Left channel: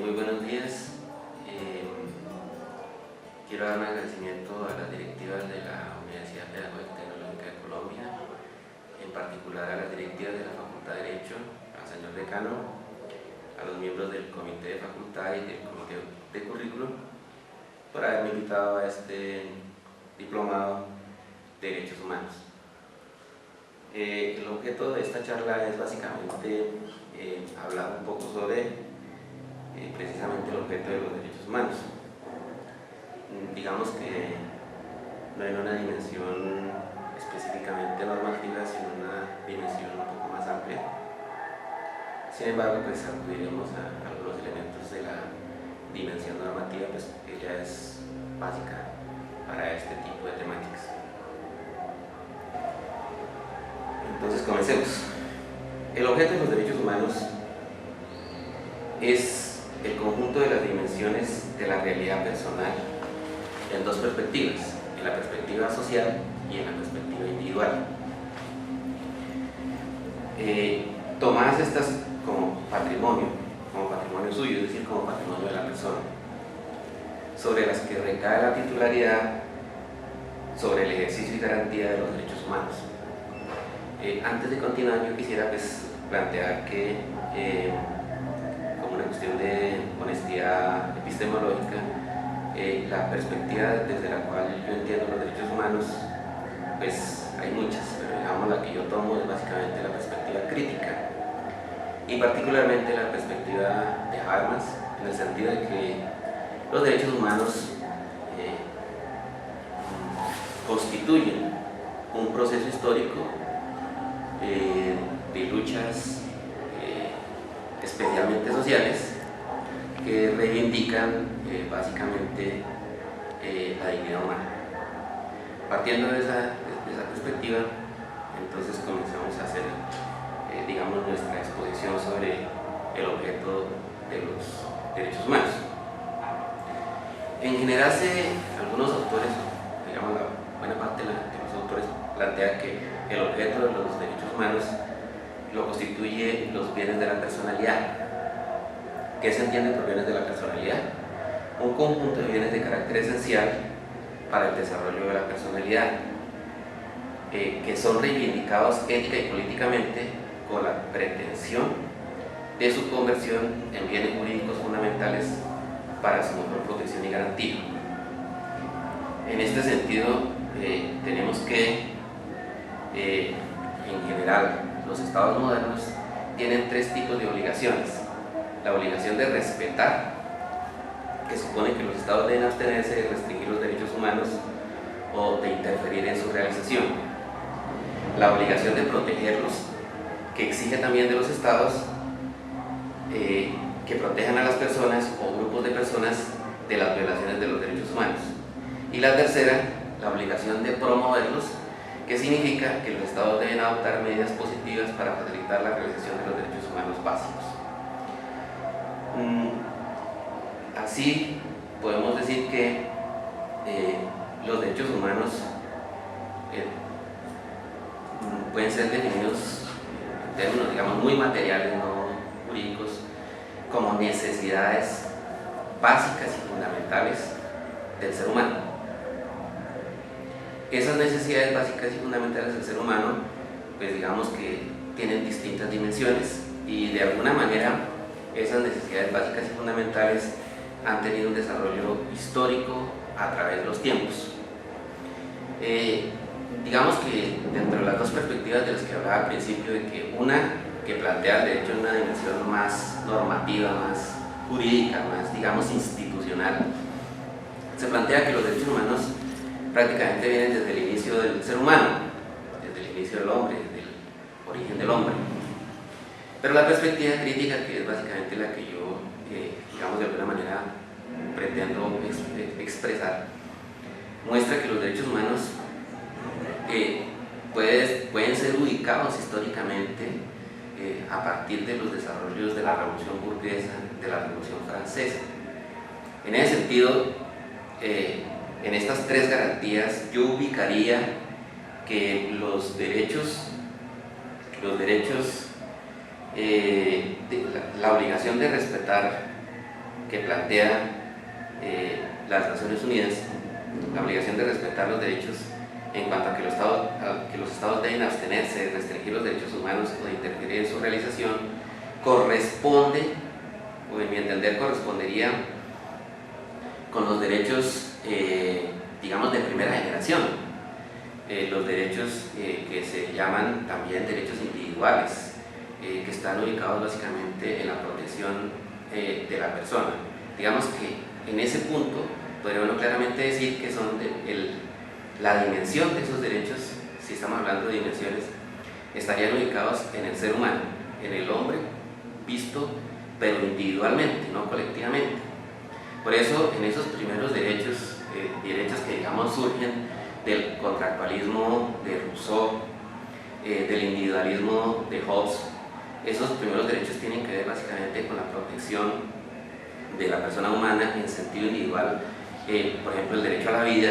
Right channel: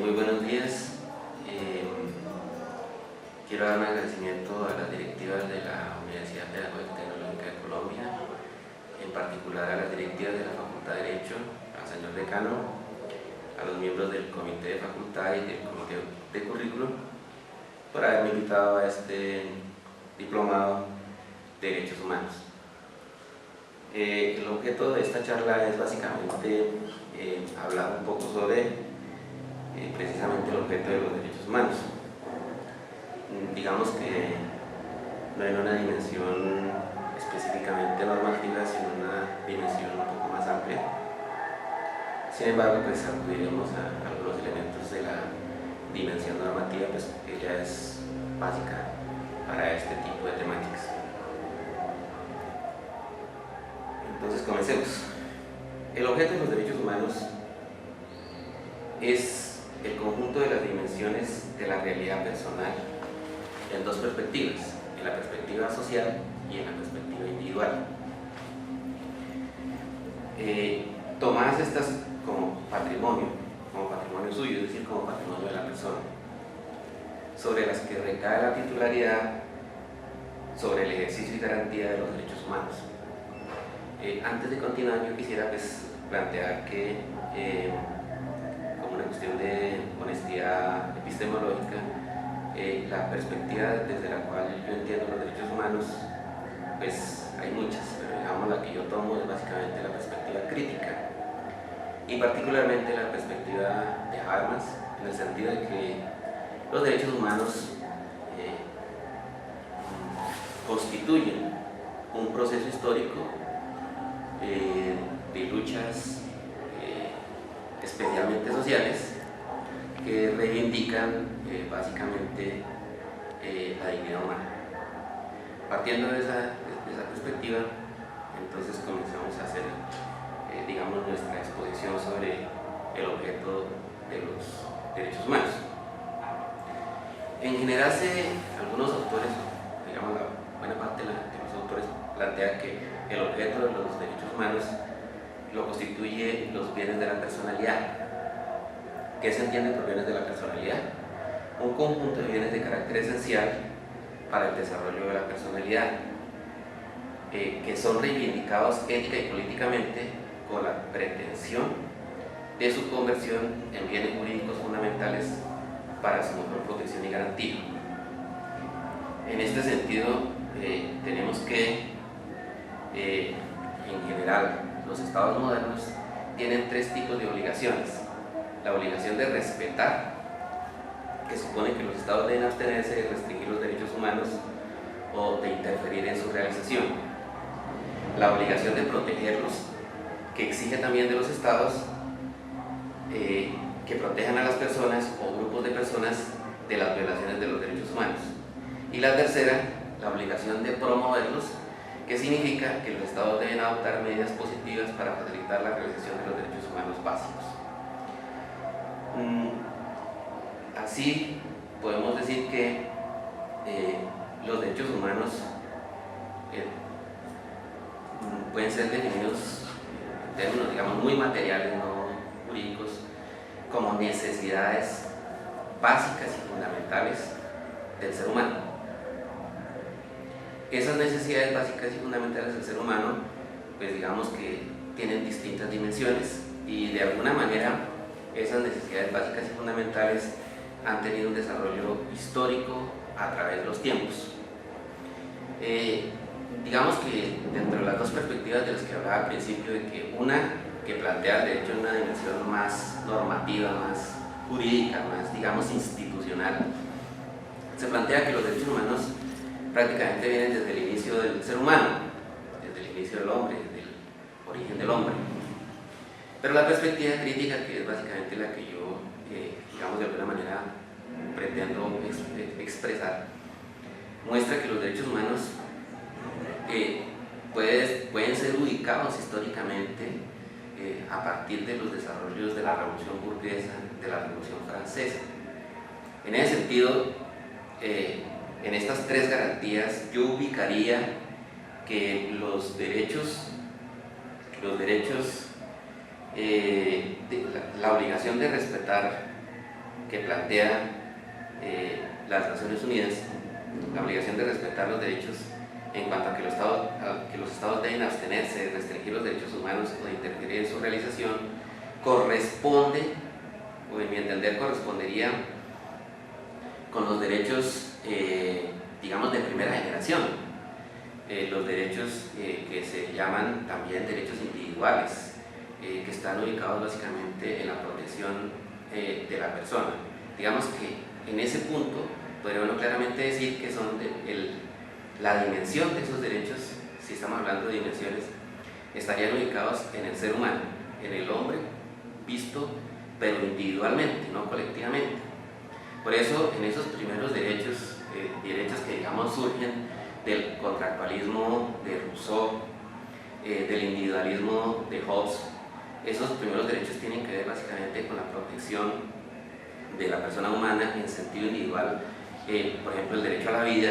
Muy buenos días. Quiero dar un agradecimiento a las directivas de la Universidad Pedagógica y Tecnológica de Colombia, en particular a las directivas de la Facultad de Derecho, al señor decano, a los miembros del comité de facultad y del comité de currículum, por haberme invitado a este diplomado de Derechos Humanos. El objeto de esta charla es básicamente hablar un poco sobre precisamente el objeto de los derechos humanos. Digamos que no en una dimensión específicamente normativa, sino una dimensión un poco más amplia. Sin embargo, pues acudiremos a algunos elementos de la dimensión normativa, pues que ya es básica para este tipo de temáticas. Entonces, comencemos. El objeto de los derechos humanos es el conjunto de las dimensiones de la realidad personal en dos perspectivas, en la perspectiva social y en la perspectiva individual. Tomadas estas como patrimonio suyo, es decir, como patrimonio de la persona, sobre las que recae la titularidad sobre el ejercicio y garantía de los derechos humanos. Antes de continuar, yo quisiera plantear que como una cuestión de honestidad epistemológica, la perspectiva desde la cual yo entiendo los derechos humanos, pues hay muchas, pero digamos la que yo tomo es básicamente la perspectiva crítica, y particularmente la perspectiva de Habermas, en el sentido de que los derechos humanos constituyen un proceso histórico de luchas especialmente sociales que reivindican básicamente la dignidad humana. Partiendo de esa perspectiva, entonces comenzamos a hacer digamos nuestra exposición sobre el objeto de los derechos humanos. En general, algunos autores, digamos la buena parte de los autores, plantean que el objeto de los derechos humanos lo constituye los bienes de la personalidad. ¿Qué se entiende por bienes de la personalidad? Un conjunto de bienes de carácter esencial para el desarrollo de la personalidad, que son reivindicados ética y políticamente con la pretensión de su conversión en bienes jurídicos fundamentales para su mejor protección y garantía. En este sentido, tenemos que, en general, los estados modernos tienen tres tipos de obligaciones. La obligación de respetar, que supone que los estados deben abstenerse de restringir los derechos humanos o de interferir en su realización. La obligación de protegerlos, que exige también de los estados que protejan a las personas o grupos de personas de las violaciones de los derechos humanos. Y la tercera, la obligación de promoverlos, que significa que los estados deben adoptar medidas positivas para facilitar la realización de los derechos humanos básicos. Así podemos decir que los derechos humanos pueden ser definidos en términos, digamos, muy materiales, no jurídicos, como necesidades básicas y fundamentales del ser humano. Esas necesidades básicas y fundamentales del ser humano, pues digamos que tienen distintas dimensiones, y de alguna manera esas necesidades básicas y fundamentales han tenido un desarrollo histórico a través de los tiempos. Digamos que dentro de las dos perspectivas de las que hablaba al principio, de que una que plantea el derecho en una dimensión más normativa, más jurídica, más, digamos, institucional, se plantea que los derechos humanos prácticamente vienen desde el inicio del ser humano, desde el inicio del hombre, desde el origen del hombre. Pero la perspectiva crítica, que es básicamente la que yo, digamos, de alguna manera pretendo expresar, muestra que los derechos humanos pueden ser ubicados históricamente a partir de los desarrollos de la Revolución Burguesa, de la Revolución Francesa. En ese sentido, en estas tres garantías yo ubicaría que los derechos la obligación de respetar que plantea las Naciones Unidas, la obligación de respetar los derechos en cuanto a que los estados deben abstenerse de restringir los derechos humanos o de interferir en su realización, corresponde, o en mi entender correspondería con los derechos, digamos, de primera generación, los derechos que se llaman también derechos individuales, que están ubicados básicamente en la protección de la persona. Digamos que en ese punto podría uno claramente decir que son la dimensión de esos derechos, si estamos hablando de dimensiones, estarían ubicados en el ser humano, en el hombre, visto pero individualmente, no colectivamente. Por eso, en esos primeros derechos que digamos surgen del contractualismo de Rousseau, del individualismo de Hobbes, esos primeros derechos tienen que ver básicamente con la protección de la persona humana en sentido individual, por ejemplo el derecho a la vida,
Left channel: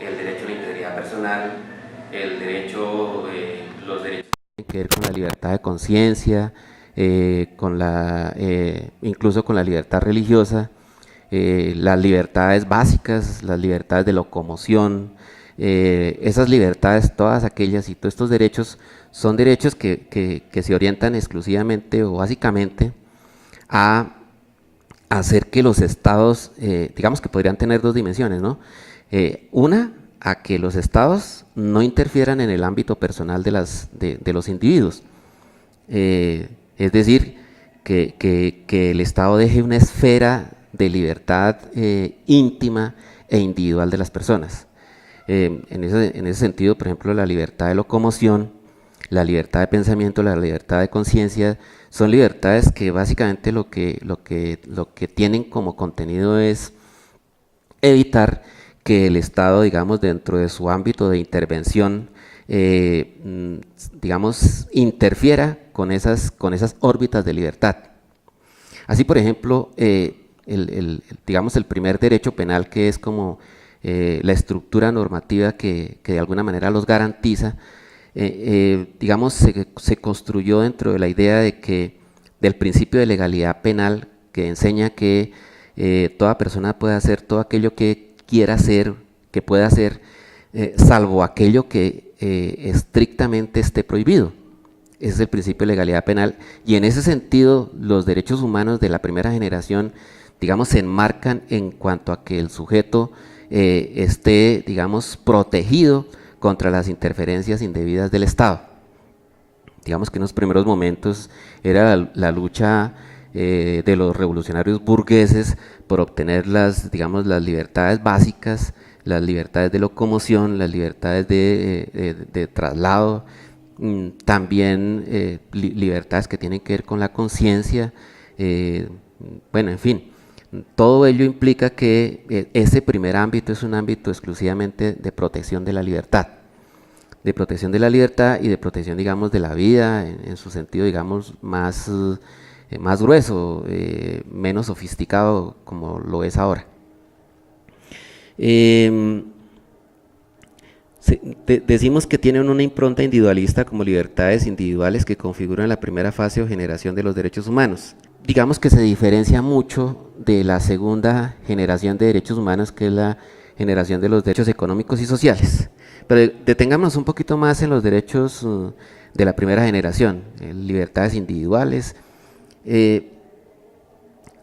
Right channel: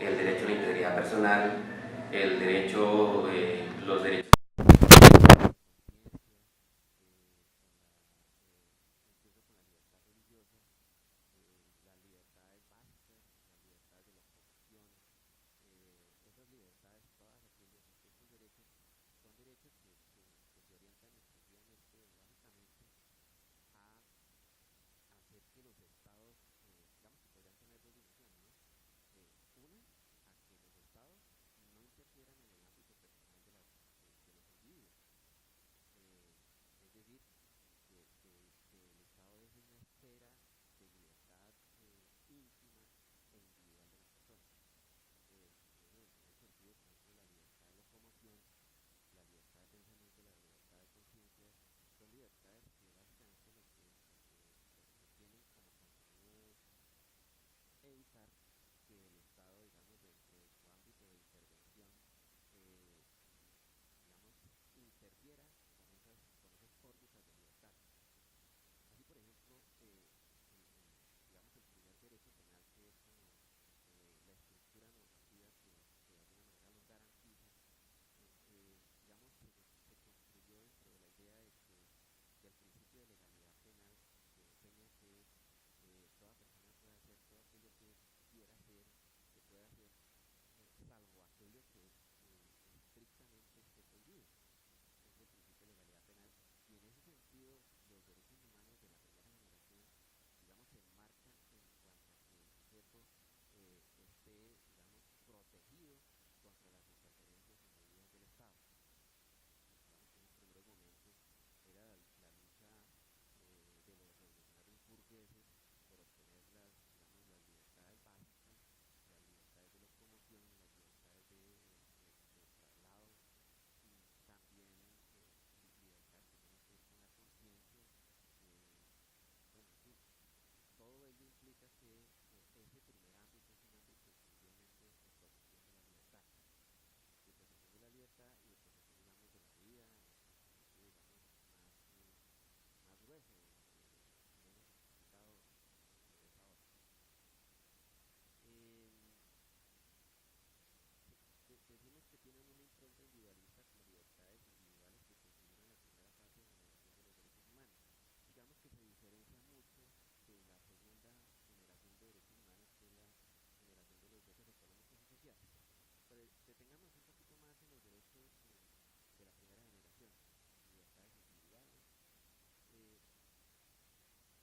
el derecho a la integridad personal, el derecho, los derechos a la libertad de conciencia, incluso con la libertad religiosa, las libertades básicas, las libertades de locomoción, esas libertades, todas aquellas y todos estos derechos son derechos que se orientan exclusivamente o básicamente a hacer que los estados, digamos que podrían tener dos dimensiones, ¿no? Una, a que los estados no interfieran en el ámbito personal de los individuos. Es decir, que el Estado deje una esfera de libertad íntima e individual de las personas. En ese sentido, por ejemplo, la libertad de locomoción, la libertad de pensamiento, la libertad de conciencia, son libertades que básicamente lo que tienen como contenido es evitar que el Estado, digamos, dentro de su ámbito de intervención, digamos, interfiera con esas órbitas de libertad. Así, por ejemplo, digamos, el primer derecho penal, que es como la estructura normativa que de alguna manera los garantiza, digamos, se construyó dentro de la idea del principio de legalidad penal, que enseña que toda persona puede hacer todo aquello que quiera hacer, que pueda hacer, salvo aquello que estrictamente esté prohibido. Ese es el principio de legalidad penal, y en ese sentido los derechos humanos de la primera generación, digamos, se enmarcan en cuanto a que el sujeto esté, digamos, protegido contra las interferencias indebidas del Estado. Digamos que en los primeros momentos era la lucha de los revolucionarios burgueses por obtener digamos, las libertades básicas, las libertades de locomoción, las libertades de traslado, también libertades que tienen que ver con la conciencia, bueno, en fin, todo ello implica que ese primer ámbito es un ámbito exclusivamente de protección de la libertad, y de protección, digamos, de la vida en su sentido, digamos, más grueso, menos sofisticado como lo es ahora. Decimos que tienen una impronta individualista como libertades individuales que configuran la primera fase o generación de los derechos humanos. Digamos que se diferencia mucho de la segunda generación de derechos humanos, que es la generación de los derechos económicos y sociales. Pero detengámonos un poquito más en los derechos de la primera generación, libertades individuales.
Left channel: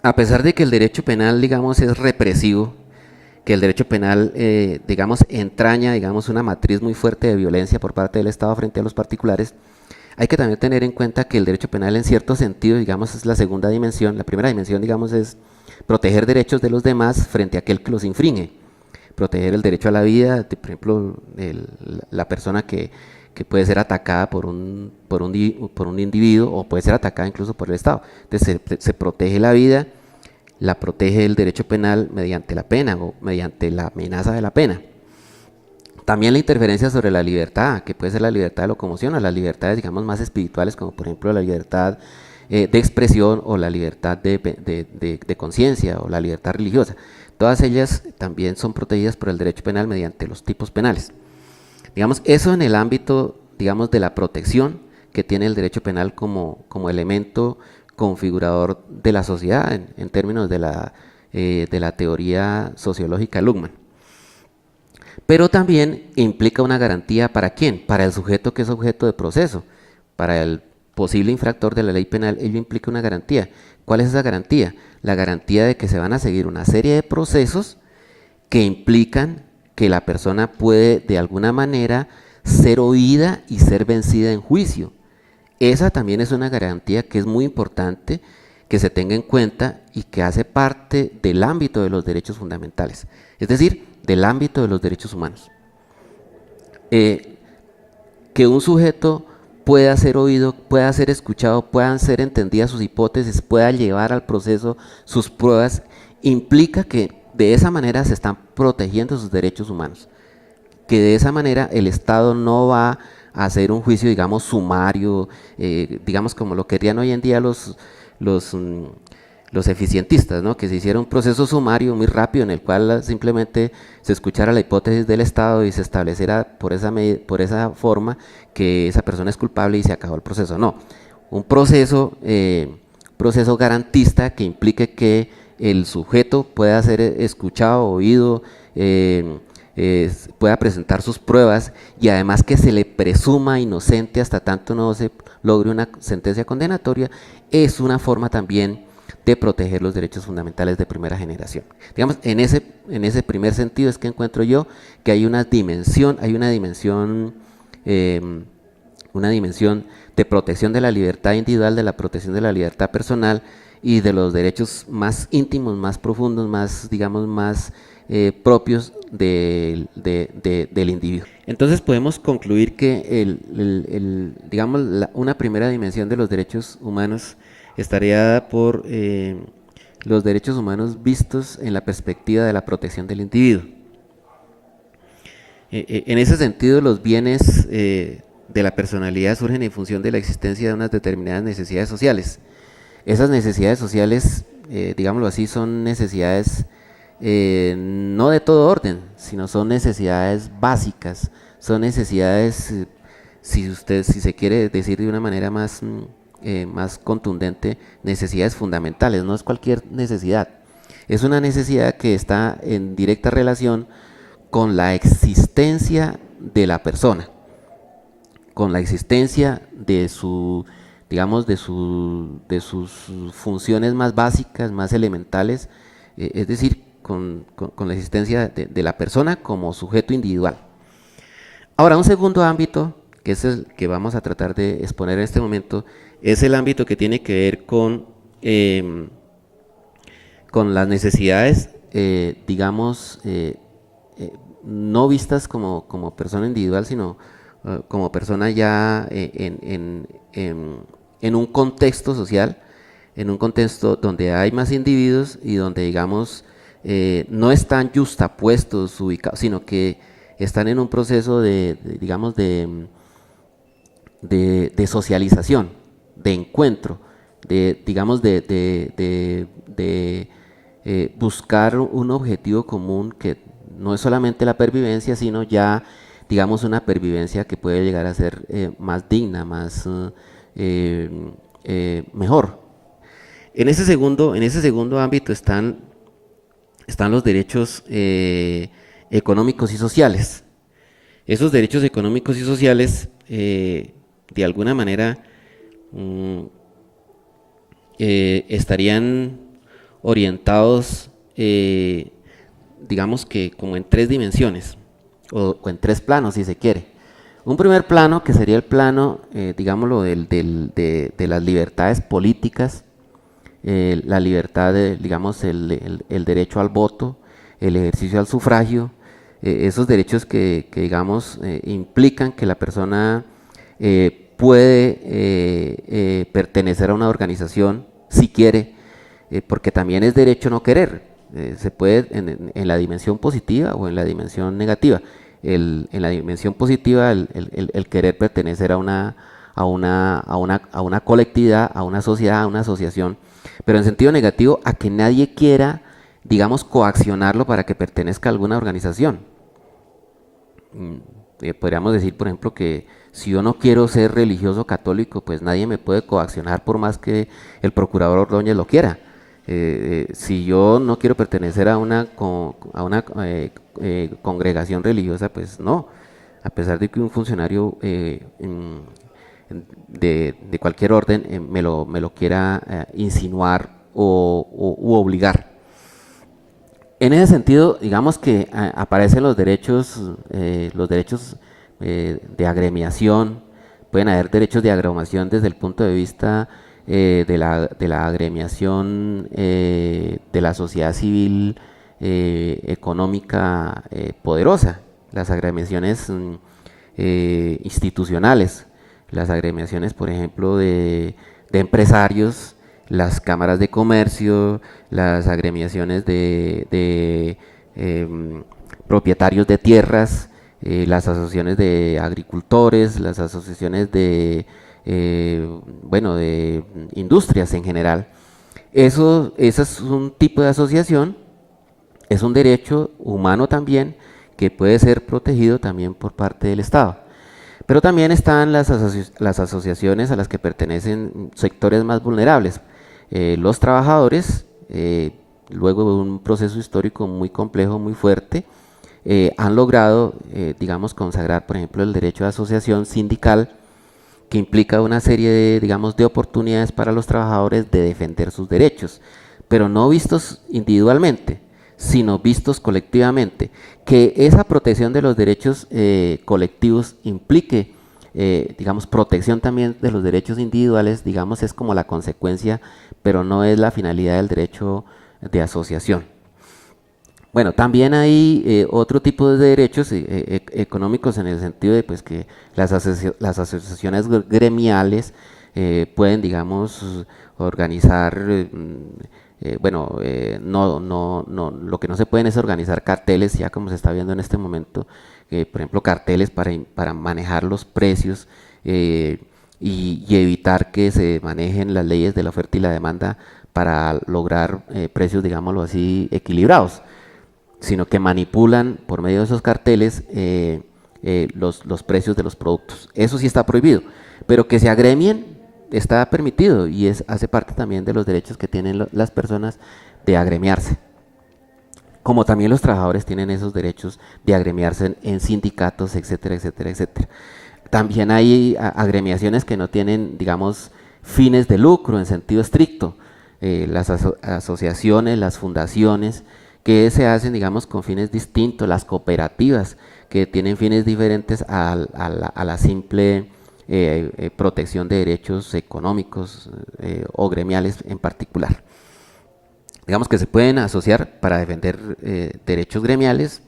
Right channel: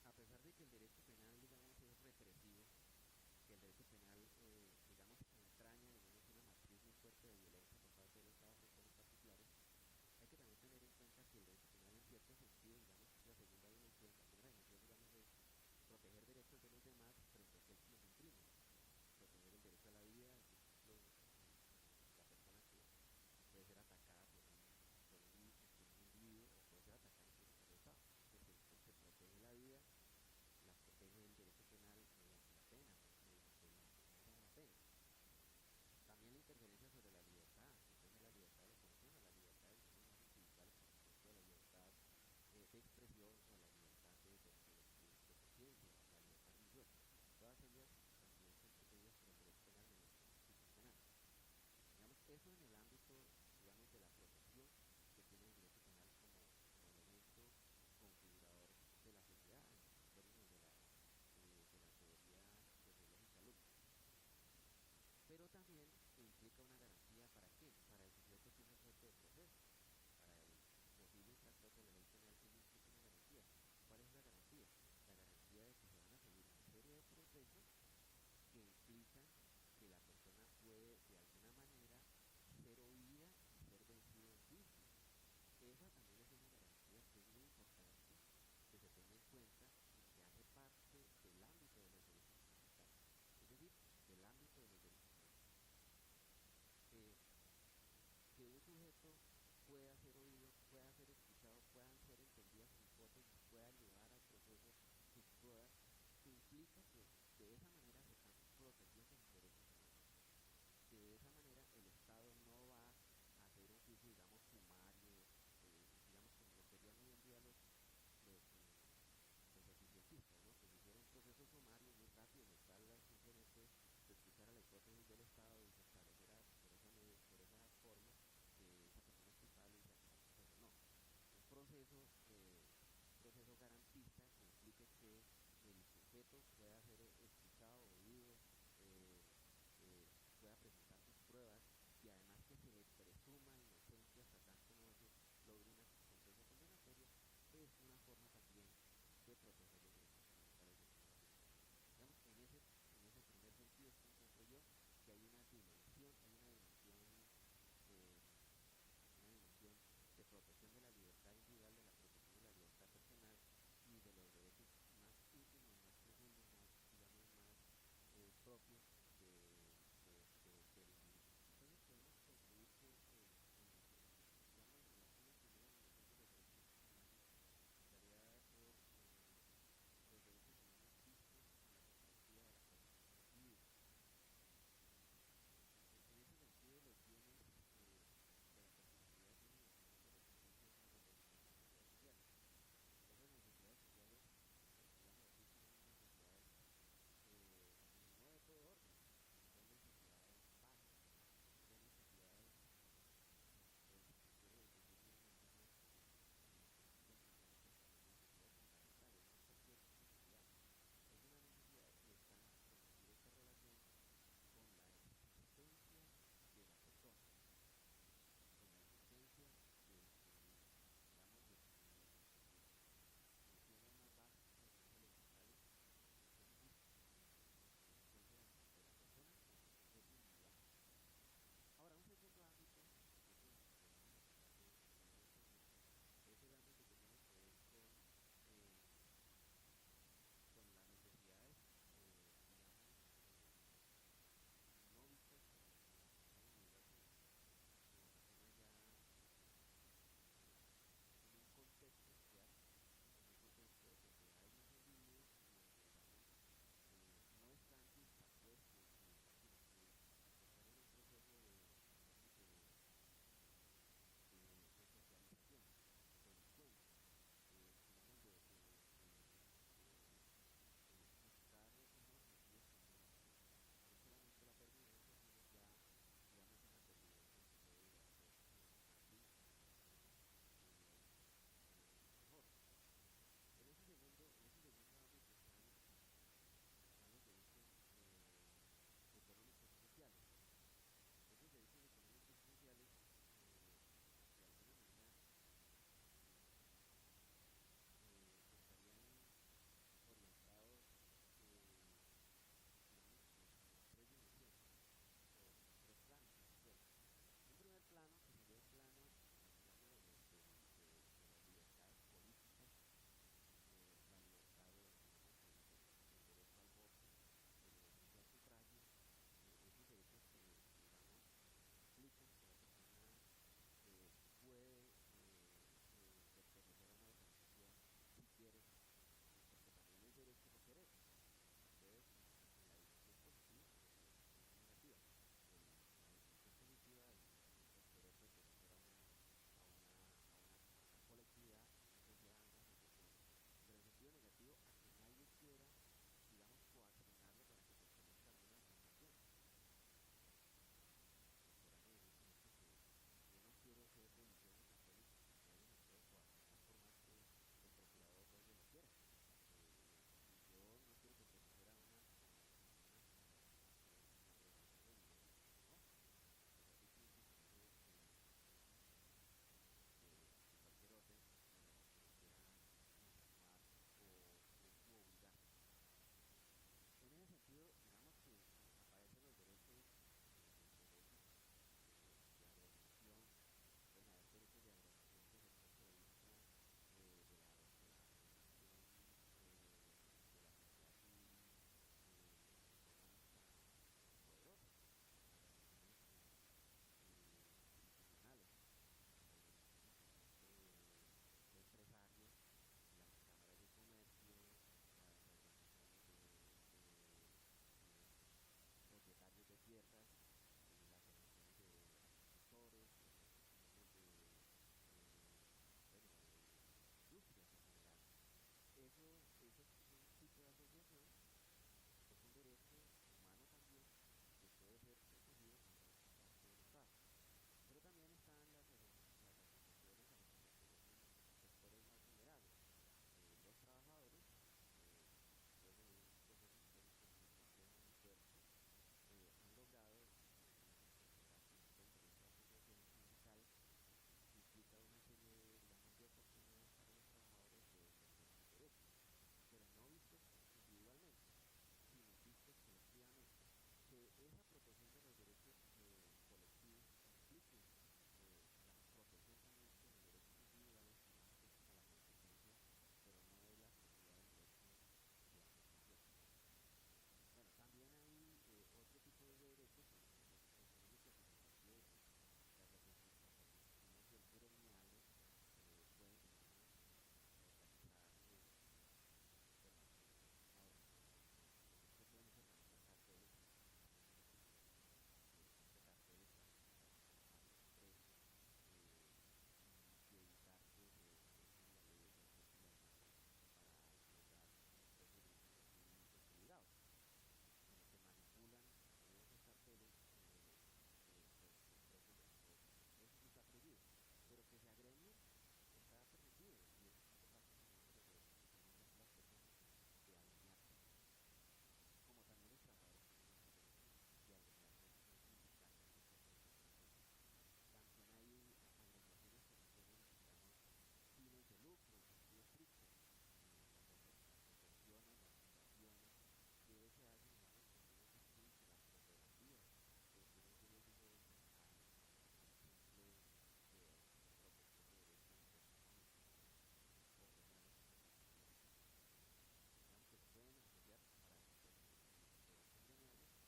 A pesar de que el derecho penal, digamos, es represivo, que el derecho penal, digamos, entraña, digamos, una matriz muy fuerte de violencia por parte del Estado frente a los particulares, hay que también tener en cuenta que el derecho penal en cierto sentido, digamos, es la segunda dimensión. La primera dimensión, digamos, es proteger derechos de los demás frente a aquel que los infringe. Proteger el derecho a la vida, por ejemplo, la persona que puede ser atacada por un individuo, o puede ser atacada incluso por el Estado. Entonces se protege la vida, la protege el derecho penal mediante la pena o mediante la amenaza de la pena. También la interferencia sobre la libertad, que puede ser la libertad de locomoción o las libertades, digamos, más espirituales, como por ejemplo la libertad de expresión o la libertad de conciencia o la libertad religiosa. Todas ellas también son protegidas por el derecho penal mediante los tipos penales. Digamos, eso en el ámbito, digamos, de la protección que tiene el derecho penal como elemento configurador de la sociedad en términos de la teoría sociológica Luhmann. Pero también implica una garantía ¿para quién? Para el sujeto que es objeto de proceso. Para el posible infractor de la ley penal, ello implica una garantía. ¿Cuál es esa garantía? La garantía de que se van a seguir una serie de procesos que implican que la persona puede de alguna manera ser oída y ser vencida en juicio. Esa también es una garantía que es muy importante que se tenga en cuenta y que hace parte del ámbito de los derechos fundamentales, es decir, del ámbito de los derechos humanos. Que un sujeto pueda ser oído, pueda ser escuchado, puedan ser entendidas sus hipótesis, pueda llevar al proceso sus pruebas, implica que de esa manera se están protegiendo sus derechos humanos, que de esa manera el Estado no va a hacer un juicio, digamos, sumario, digamos como lo querían hoy en día los eficientistas, ¿no? Que se hiciera un proceso sumario muy rápido en el cual simplemente se escuchara la hipótesis del Estado y se estableciera por esa forma que esa persona es culpable y se acabó el proceso. No, un proceso garantista que implique que el sujeto pueda ser escuchado, oído, pueda presentar sus pruebas y además que se le presuma inocente hasta tanto no se logre una sentencia condenatoria, es una forma también de proteger los derechos fundamentales de primera generación. Digamos, en ese primer sentido es que encuentro yo que hay una dimensión de protección de la libertad individual, de la protección de la libertad personal y de los derechos más íntimos, más profundos, más, digamos, más propios del individuo. Entonces podemos concluir que digamos, una primera dimensión de los derechos humanos estaría dada por los derechos humanos vistos en la perspectiva de la protección del individuo. En ese sentido, los bienes de la personalidad surgen en función de la existencia de unas determinadas necesidades sociales. Esas necesidades sociales, digámoslo así, son necesidades no de todo orden, sino son necesidades básicas, son necesidades, si se quiere decir de una manera más contundente, necesidades fundamentales, no es cualquier necesidad. Es una necesidad que está en directa relación con la existencia de la persona, con la existencia de digamos, de sus funciones más básicas, más elementales, es decir, con la existencia de la persona como sujeto individual. Ahora, un segundo ámbito, que es el que vamos a tratar de exponer en este momento, es el ámbito que tiene que ver con las necesidades, digamos, no vistas como persona individual, sino como persona ya en un contexto social, en un contexto donde hay más individuos y donde, digamos, no están justapuestos, ubicados, sino que están en un proceso digamos, de socialización, de encuentro, digamos, de buscar un objetivo común que no es solamente la pervivencia, sino ya, digamos, una pervivencia que puede llegar a ser más digna, más mejor. En ese segundo ámbito están los derechos económicos y sociales. Esos derechos económicos y sociales, de alguna manera, estarían orientados, digamos que como en tres dimensiones, o en tres planos, si se quiere. Un primer plano, que sería el plano, digámoslo, de las libertades políticas, la libertad, digamos, el derecho al voto, el ejercicio al sufragio, esos derechos que digamos, implican que la persona puede pertenecer a una organización si quiere, porque también es derecho no querer. Se puede en la dimensión positiva o en la dimensión negativa. En la dimensión positiva, el querer pertenecer a una colectividad, a una sociedad, a una asociación, pero en sentido negativo, a que nadie quiera, digamos, coaccionarlo para que pertenezca a alguna organización. podríamos decir, por ejemplo, que si yo no quiero ser religioso católico, pues nadie me puede coaccionar por más que el procurador Ordóñez lo quiera. Si yo no quiero pertenecer a una congregación religiosa, pues no. A pesar de que un funcionario de cualquier orden me lo quiera insinuar u obligar. En ese sentido, digamos que aparecen los derechos de agremiación. Pueden haber derechos de agremiación desde el punto de vista de la agremiación de la sociedad civil económica poderosa, las agremiaciones institucionales, las agremiaciones, por ejemplo, de empresarios, las cámaras de comercio, las agremiaciones de propietarios de tierras, las asociaciones de agricultores, las asociaciones de industrias en general. Eso es un tipo de asociación, es un derecho humano también que puede ser protegido también por parte del Estado. Pero también están las asociaciones a las que pertenecen sectores más vulnerables. Los trabajadores, luego de un proceso histórico muy complejo, muy fuerte, han logrado, digamos, consagrar, por ejemplo, el derecho de asociación sindical, que implica una serie de oportunidades para los trabajadores de defender sus derechos, pero no vistos individualmente, sino vistos colectivamente. Que esa protección de los derechos colectivos implique, digamos, protección también de los derechos individuales, digamos, es como la consecuencia, pero no es la finalidad del derecho de asociación. Bueno, también hay otro tipo de derechos económicos, en el sentido de pues, que las asociaciones gremiales pueden, digamos, organizar, lo que no se pueden es organizar carteles, ya como se está viendo en este momento, por ejemplo, carteles para manejar los precios y evitar que se manejen las leyes de la oferta y la demanda para lograr precios, digámoslo así, equilibrados, sino que manipulan por medio de esos carteles los precios de los productos. Eso sí está prohibido, pero que se agremien está permitido y hace parte también de los derechos que tienen las personas de agremiarse. Como también los trabajadores tienen esos derechos de agremiarse en sindicatos, etcétera, etcétera, etcétera. También hay agremiaciones que no tienen, digamos, fines de lucro en sentido estricto. Las asociaciones, las fundaciones, que se hacen, digamos, con fines distintos, las cooperativas, que tienen fines diferentes a la simple protección de derechos económicos o gremiales en particular. Digamos que se pueden asociar para defender derechos gremiales,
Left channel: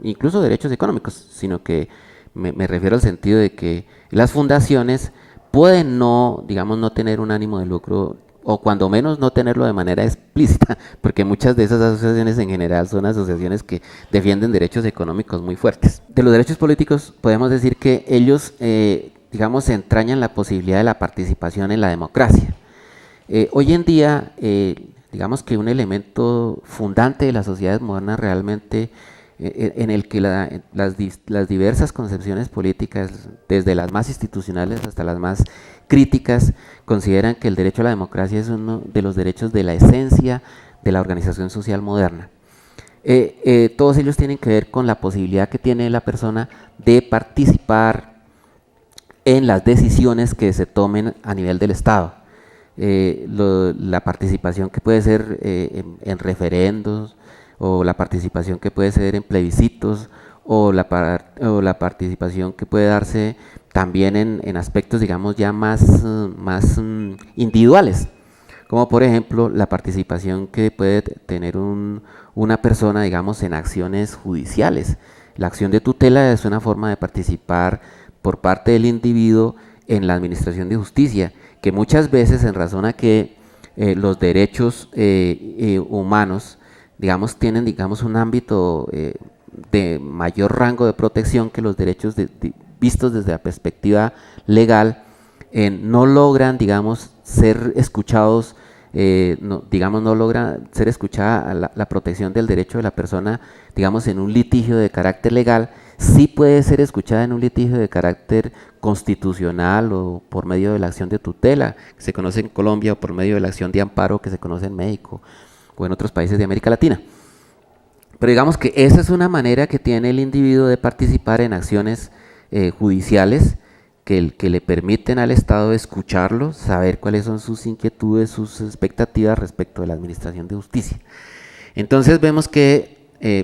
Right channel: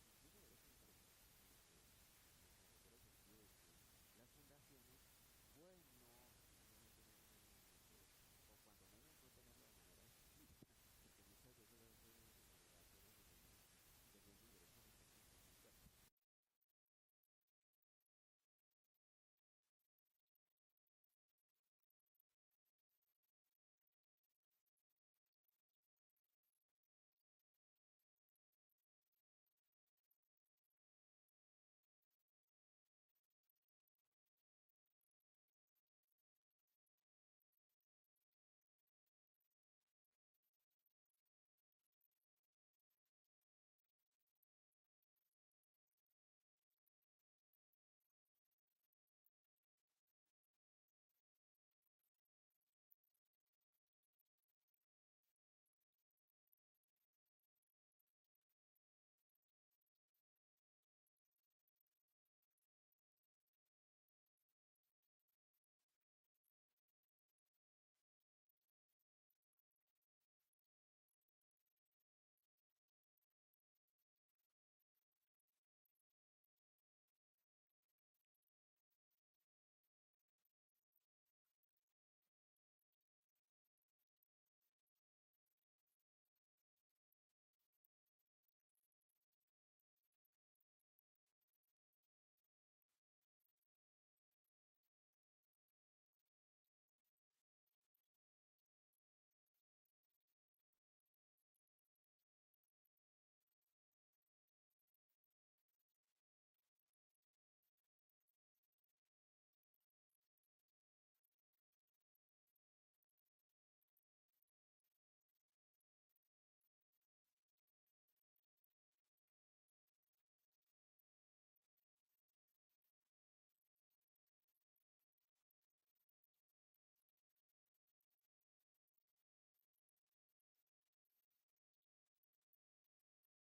incluso derechos económicos, sino que me refiero al sentido de que las fundaciones pueden digamos, no tener un ánimo de lucro, o cuando menos no tenerlo de manera explícita, porque muchas de esas asociaciones en general son asociaciones que defienden derechos económicos muy fuertes. De los derechos políticos podemos decir que ellos, digamos, entrañan la posibilidad de la participación en la democracia. Hoy en día, digamos que un elemento fundante de las sociedades modernas realmente, en el que las diversas concepciones políticas, desde las más institucionales hasta las más críticas, consideran que el derecho a la democracia es uno de los derechos de la esencia de la organización social moderna. Todos ellos tienen que ver con la posibilidad que tiene la persona de participar en las decisiones que se tomen a nivel del Estado. La participación que puede ser en referendos, o la participación que puede ser en plebiscitos, o la participación que puede darse también en aspectos, digamos, ya más individuales, como por ejemplo la participación que puede tener una persona, digamos, en acciones judiciales. La acción de tutela es una forma de participar por parte del individuo en la administración de justicia, que muchas veces, en razón a que los derechos humanos, digamos, tienen, digamos, un ámbito de mayor rango de protección que los derechos vistos desde la perspectiva legal, no logran, digamos, ser escuchados, no logra ser escuchada la protección del derecho de la persona, digamos, en un litigio de carácter legal, sí puede ser escuchada en un litigio de carácter constitucional o por medio de la acción de tutela, que se conoce en Colombia, o por medio de la acción de amparo, que se conoce en México o en otros países de América Latina. Pero digamos que esa es una manera que tiene el individuo de participar en acciones judiciales que le permiten al Estado escucharlo, saber cuáles son sus inquietudes, sus expectativas respecto de la administración de justicia. Entonces vemos que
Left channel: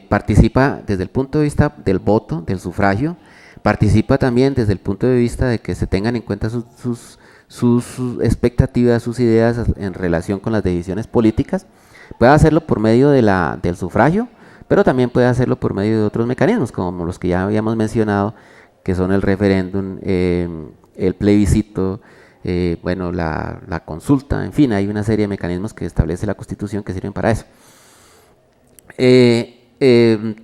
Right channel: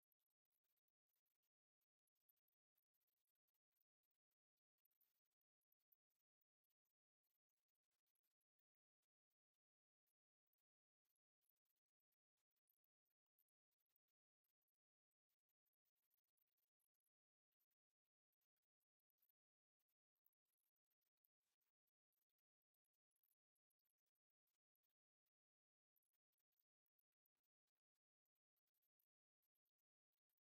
participa desde el punto de vista del voto, del sufragio, participa también desde el punto de vista de que se tengan en cuenta sus expectativas, sus ideas en relación con las decisiones políticas. Puede hacerlo por medio del sufragio, pero también puede hacerlo por medio de otros mecanismos, como los que ya habíamos mencionado, que son el referéndum, el plebiscito, bueno, la consulta, en fin, hay una serie de mecanismos que establece la Constitución que sirven para eso.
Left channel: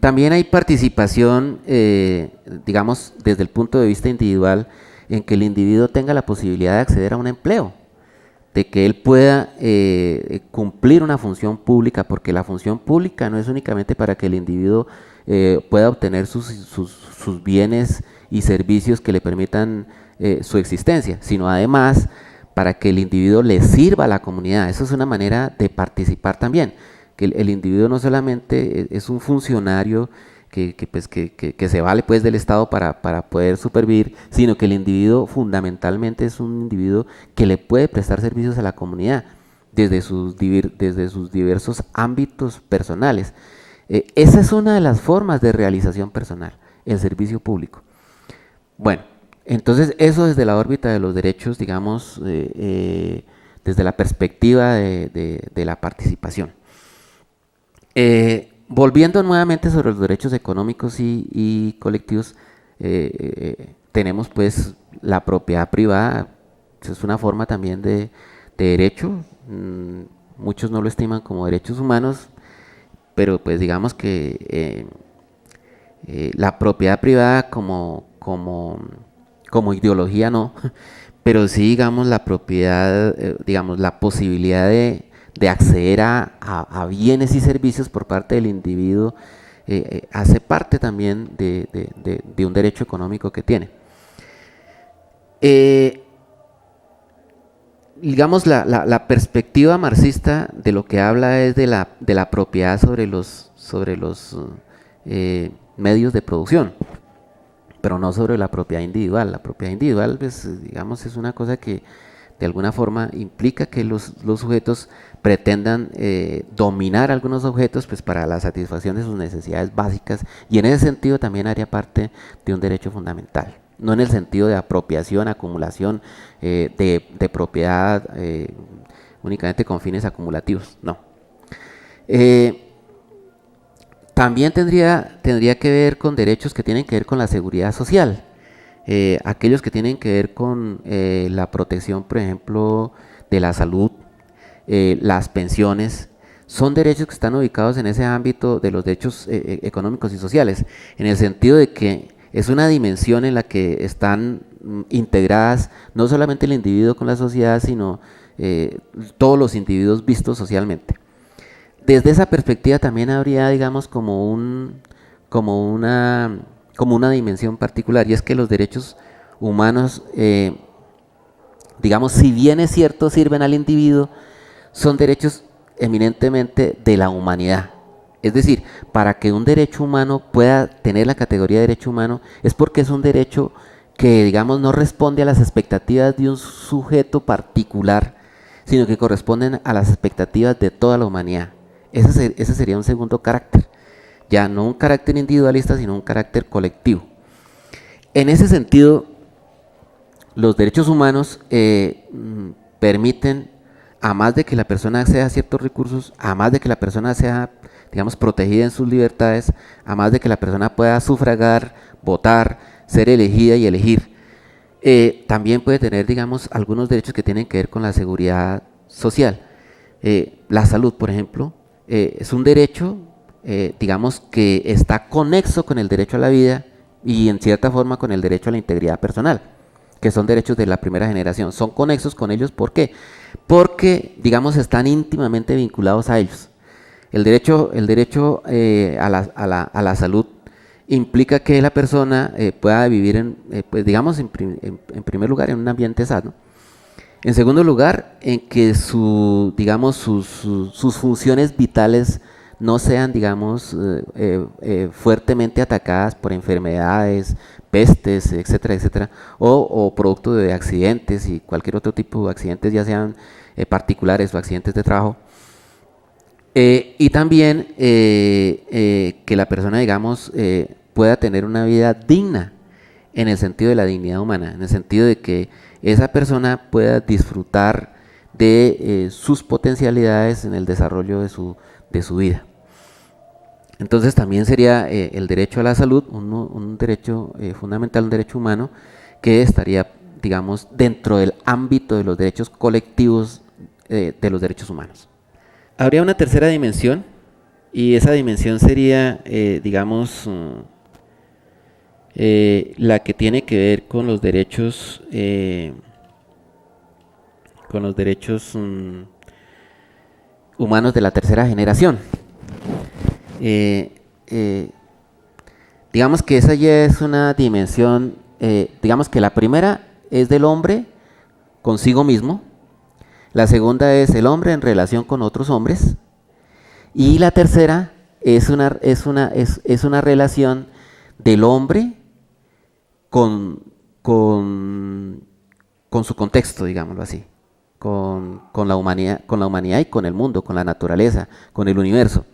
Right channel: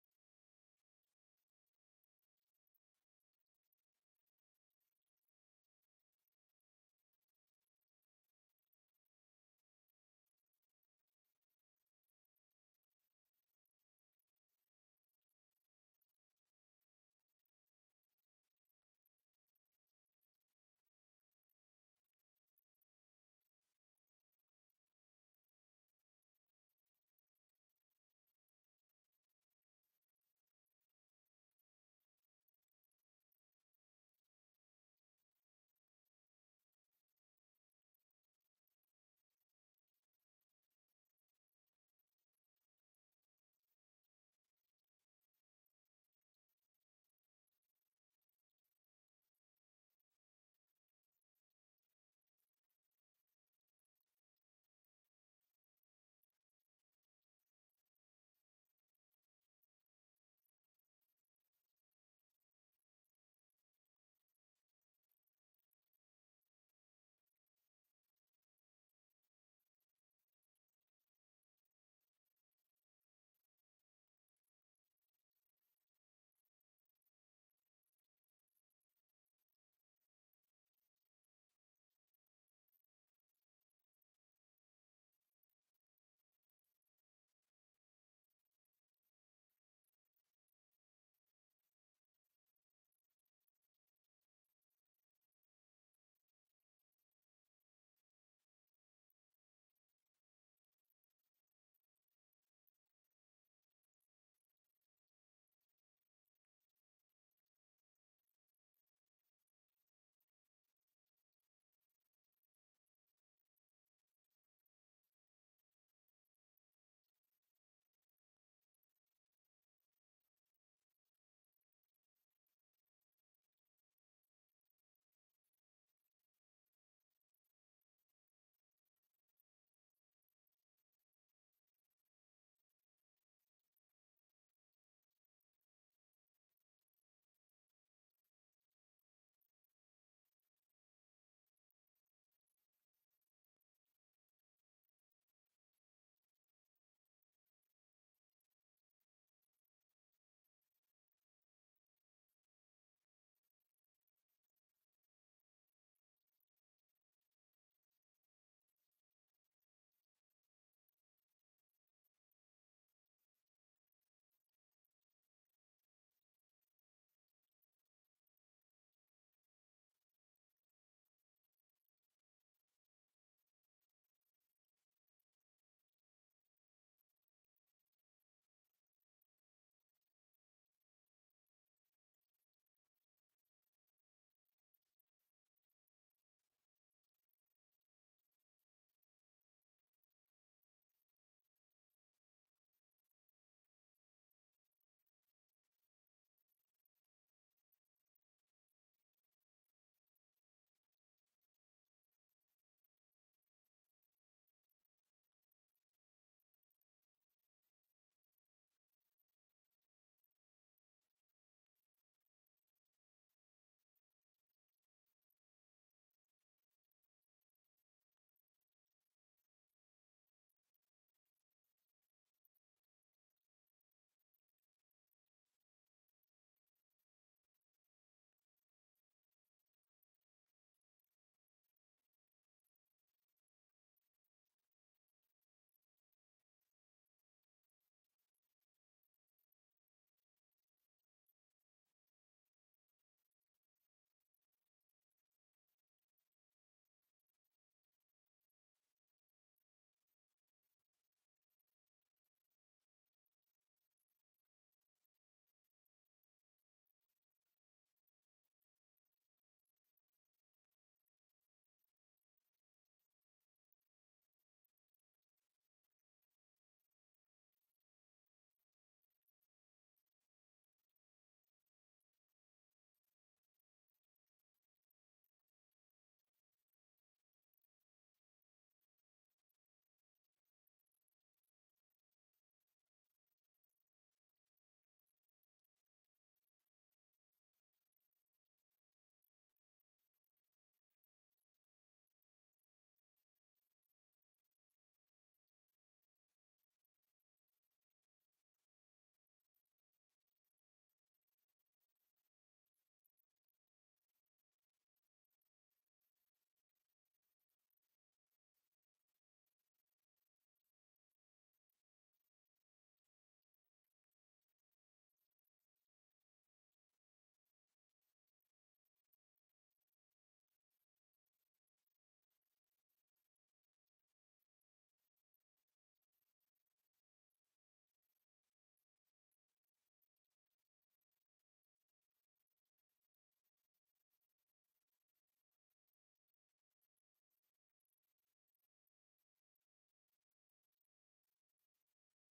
También hay participación, digamos, desde el punto de vista individual, en que el individuo tenga la posibilidad de acceder a un empleo, de que él pueda cumplir una función pública, porque la función pública no es únicamente para que el individuo pueda obtener sus bienes y servicios que le permitan su existencia, sino además para que el individuo le sirva a la comunidad. Eso es una manera de participar también, que el individuo no solamente es un funcionario que se vale pues del Estado para poder supervivir, sino que el individuo fundamentalmente es un individuo que le puede prestar servicios a la comunidad desde sus diversos ámbitos personales. Esa es una de las formas de realización personal, el servicio público. Bueno, entonces eso desde la órbita de los derechos, digamos, desde la perspectiva de la participación. Volviendo nuevamente sobre los derechos económicos y colectivos, tenemos pues la propiedad privada, es una forma también de derecho, muchos no lo estiman como derechos humanos, pero pues digamos que la propiedad privada como ideología no, pero sí digamos la propiedad, digamos la posibilidad de acceder a bienes y servicios por parte del individuo hace parte también de un derecho económico que tiene. Digamos la perspectiva marxista de lo que habla es de la propiedad sobre los medios de producción, pero no sobre la propiedad individual. La propiedad individual, pues, digamos, es una cosa que de alguna forma implica que los sujetos pretendan dominar algunos objetos pues para la satisfacción de sus necesidades básicas, y en ese sentido también haría parte de un derecho fundamental, no en el sentido de apropiación, acumulación de propiedad únicamente con fines acumulativos, no. También tendría que ver con derechos que tienen que ver con la seguridad social, aquellos que tienen que ver con la protección, por ejemplo, de la salud, las pensiones, son derechos que están ubicados en ese ámbito de los derechos económicos y sociales, en el sentido de que es una dimensión en la que están integradas no solamente el individuo con la sociedad, sino todos los individuos vistos socialmente. Desde esa perspectiva también habría, digamos, como una dimensión particular, y es que los derechos humanos, digamos, si bien es cierto, sirven al individuo, son derechos eminentemente de la humanidad. Es decir, para que un derecho humano pueda tener la categoría de derecho humano, es porque es un derecho que, digamos, no responde a las expectativas de un sujeto particular, sino que corresponden a las expectativas de toda la humanidad. Ese sería un segundo carácter, ya no un carácter individualista, sino un carácter colectivo. En ese sentido, los derechos humanos permiten, a más de que la persona acceda a ciertos recursos, a más de que la persona sea, digamos, protegida en sus libertades, a más de que la persona pueda sufragar, votar, ser elegida y elegir, también puede tener, digamos, algunos derechos que tienen que ver con la seguridad social. La salud, por ejemplo, es un derecho, digamos, que está conexo con el derecho a la vida y en cierta forma con el derecho a la integridad personal, que son derechos de la primera generación. Son conexos con ellos, ¿por qué? Porque, digamos, están íntimamente vinculados a ellos. El derecho a la salud implica que la persona pueda vivir, pues digamos, en primer lugar, en un ambiente sano. En segundo lugar, en que digamos, sus funciones vitales no sean, digamos, fuertemente atacadas por enfermedades, pestes, etcétera, etcétera, o producto de accidentes y cualquier otro tipo de accidentes, ya sean particulares o accidentes de trabajo. Y también que la persona, digamos, pueda tener una vida digna en el sentido de la dignidad humana, en el sentido de que esa persona pueda disfrutar de sus potencialidades en el desarrollo de su vida. Entonces también sería el derecho a la salud un derecho fundamental, un derecho humano que estaría, digamos, dentro del ámbito de los derechos colectivos de los derechos humanos. Habría una tercera dimensión y esa dimensión sería, digamos, la que tiene que ver con los derechos, humanos de la tercera generación. Digamos que esa ya es una dimensión, digamos que la primera es del hombre consigo mismo, la segunda es el hombre en relación con otros hombres y la tercera es una relación del hombre con su contexto, digámoslo así, con la humanidad y con el mundo, con la naturaleza, con el universo.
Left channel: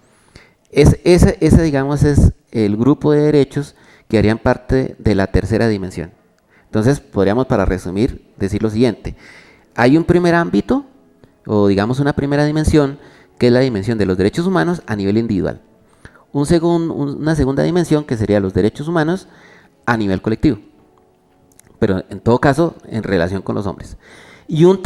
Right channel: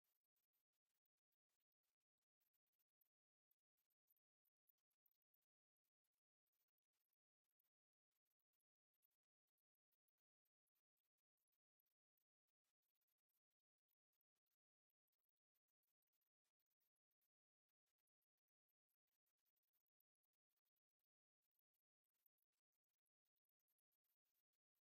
Ese, digamos, es el grupo de derechos que harían parte de la tercera dimensión. Entonces, podríamos, para resumir, decir lo siguiente. Hay un primer ámbito, o digamos una primera dimensión, que es la dimensión de los derechos humanos a nivel individual. Una segunda dimensión, que sería los derechos humanos a nivel colectivo, pero en todo caso en relación con los hombres. Y una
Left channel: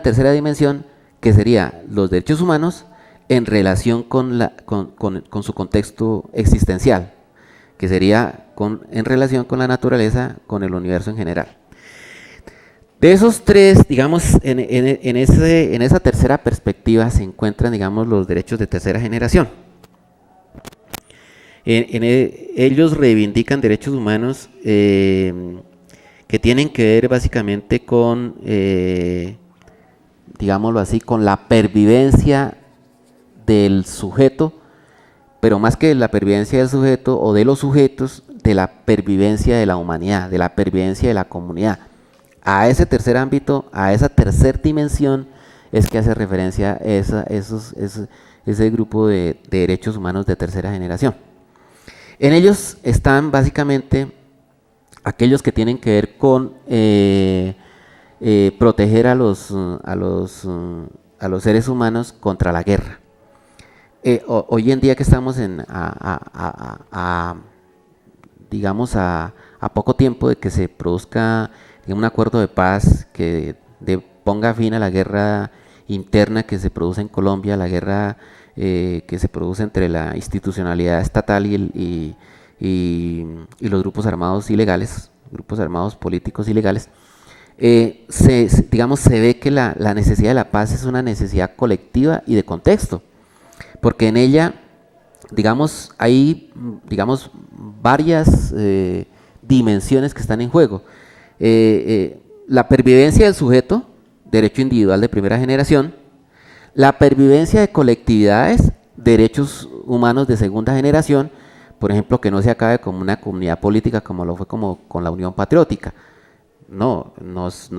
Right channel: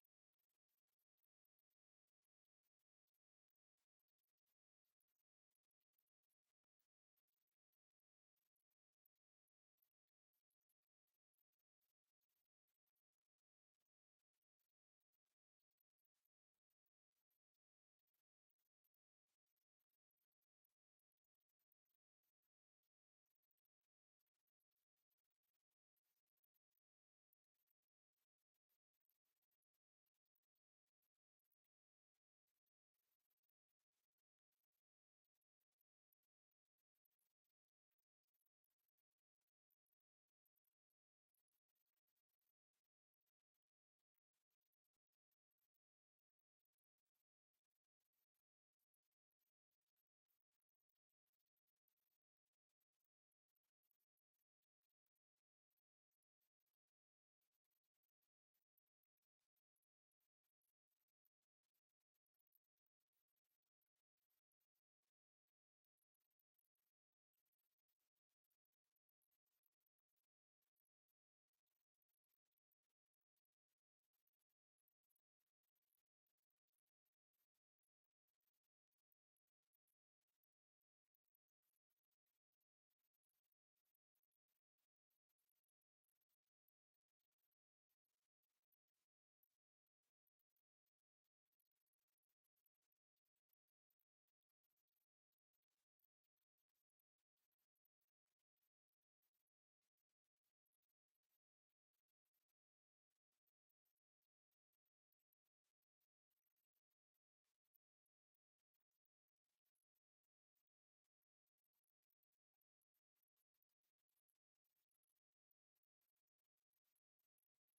tercera dimensión, que sería los derechos humanos en relación con su contexto existencial, que sería en relación con la naturaleza, con el universo en general. De esos tres, digamos, en esa tercera perspectiva se encuentran, digamos, los derechos de tercera generación. Ellos reivindican derechos humanos que tienen que ver básicamente con, digámoslo así, con la pervivencia del sujeto, pero más que la pervivencia del sujeto o de los sujetos, de la pervivencia de la humanidad, de la pervivencia de la comunidad. A ese tercer ámbito, a esa tercera dimensión, es que hace referencia ese grupo de derechos humanos de tercera generación. En ellos están básicamente aquellos que tienen que ver con proteger a los seres humanos contra la guerra. Hoy en día que estamos digamos a poco tiempo de que se produzca un acuerdo de paz que ponga fin a la guerra interna que se produce en Colombia, la guerra que se produce entre la institucionalidad estatal y los grupos armados ilegales, grupos armados políticos ilegales, digamos, se ve que la necesidad de la paz es una necesidad colectiva y de contexto, porque en ella, digamos, hay, digamos, varias dimensiones que están en juego. La pervivencia del sujeto, derecho individual de primera generación, la pervivencia de colectividades, derechos humanos de segunda generación, por ejemplo, que no se acabe como una comunidad política como lo fue como con la Unión Patriótica. No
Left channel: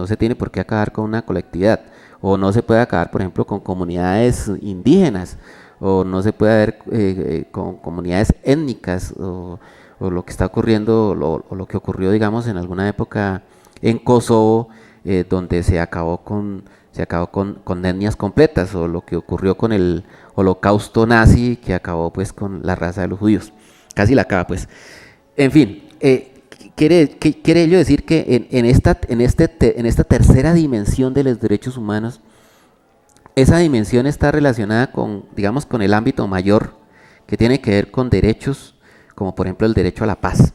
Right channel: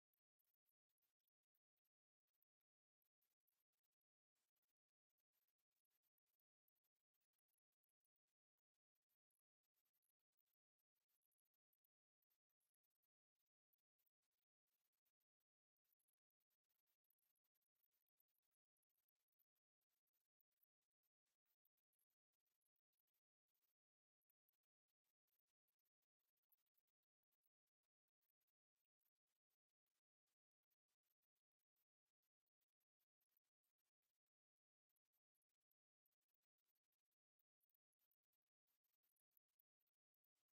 se tiene por qué acabar con una colectividad, o no se puede acabar, por ejemplo, con comunidades indígenas, o no se puede ver con comunidades étnicas, o lo que está ocurriendo, o lo que ocurrió, digamos, en alguna época en Kosovo, donde se acabó con etnias completas, o lo que ocurrió con el holocausto nazi, que acabó pues con la raza de los judíos, casi la acaba pues. En fin, quiere ello decir que en esta tercera dimensión de los derechos humanos, esa dimensión está relacionada con, digamos, con el ámbito mayor, que tiene que ver con derechos, como por ejemplo el derecho a la paz.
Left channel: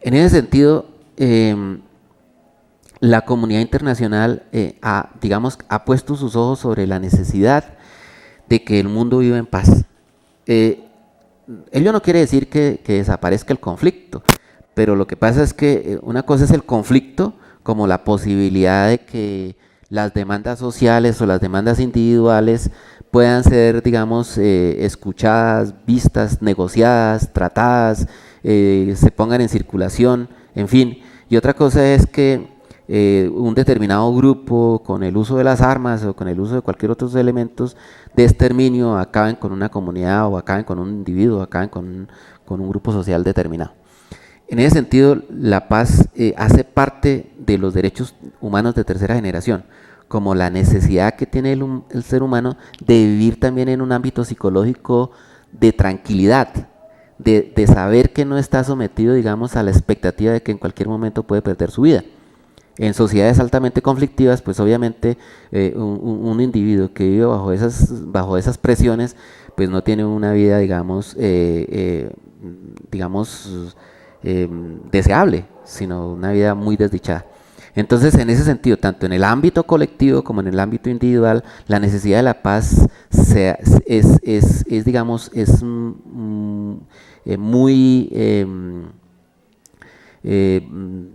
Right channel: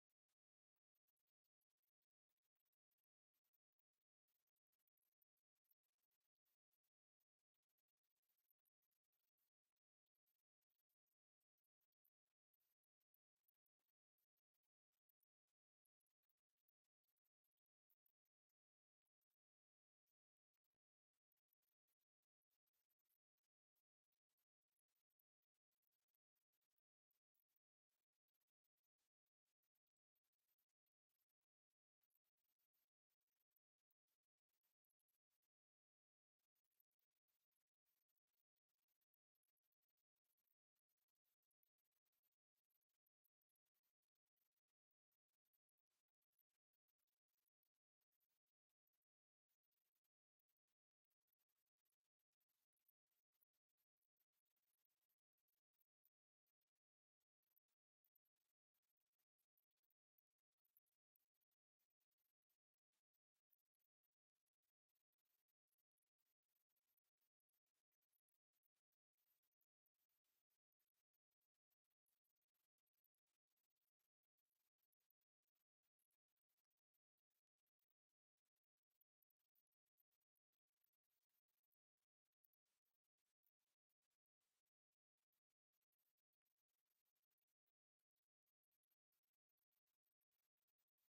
En ese sentido, la comunidad internacional ha puesto sus ojos sobre la necesidad de que el mundo viva en paz. ello no quiere decir que desaparezca el conflicto, pero lo que pasa es que una cosa es el conflicto como la posibilidad de que las demandas sociales o las demandas individuales puedan ser, digamos, escuchadas, vistas, negociadas, tratadas, se pongan en circulación, en fin. Y otra cosa es que un determinado grupo, con el uso de las armas o con el uso de cualquier otros elementos de exterminio, acaben con una comunidad o acaben con un individuo, acaben con un grupo social determinado. En ese sentido, la paz hace parte de los derechos humanos de tercera generación, como la necesidad que tiene el ser humano de vivir también en un ámbito psicológico de tranquilidad, de saber que no está sometido, digamos, a la expectativa de que en cualquier momento puede perder su vida. En sociedades altamente conflictivas, pues obviamente un individuo que vive bajo esas presiones, pues no tiene una vida, digamos, deseable, sino una vida muy desdichada. Entonces, en ese sentido, tanto en el ámbito colectivo como en el ámbito individual, la necesidad de la paz digamos, es muy,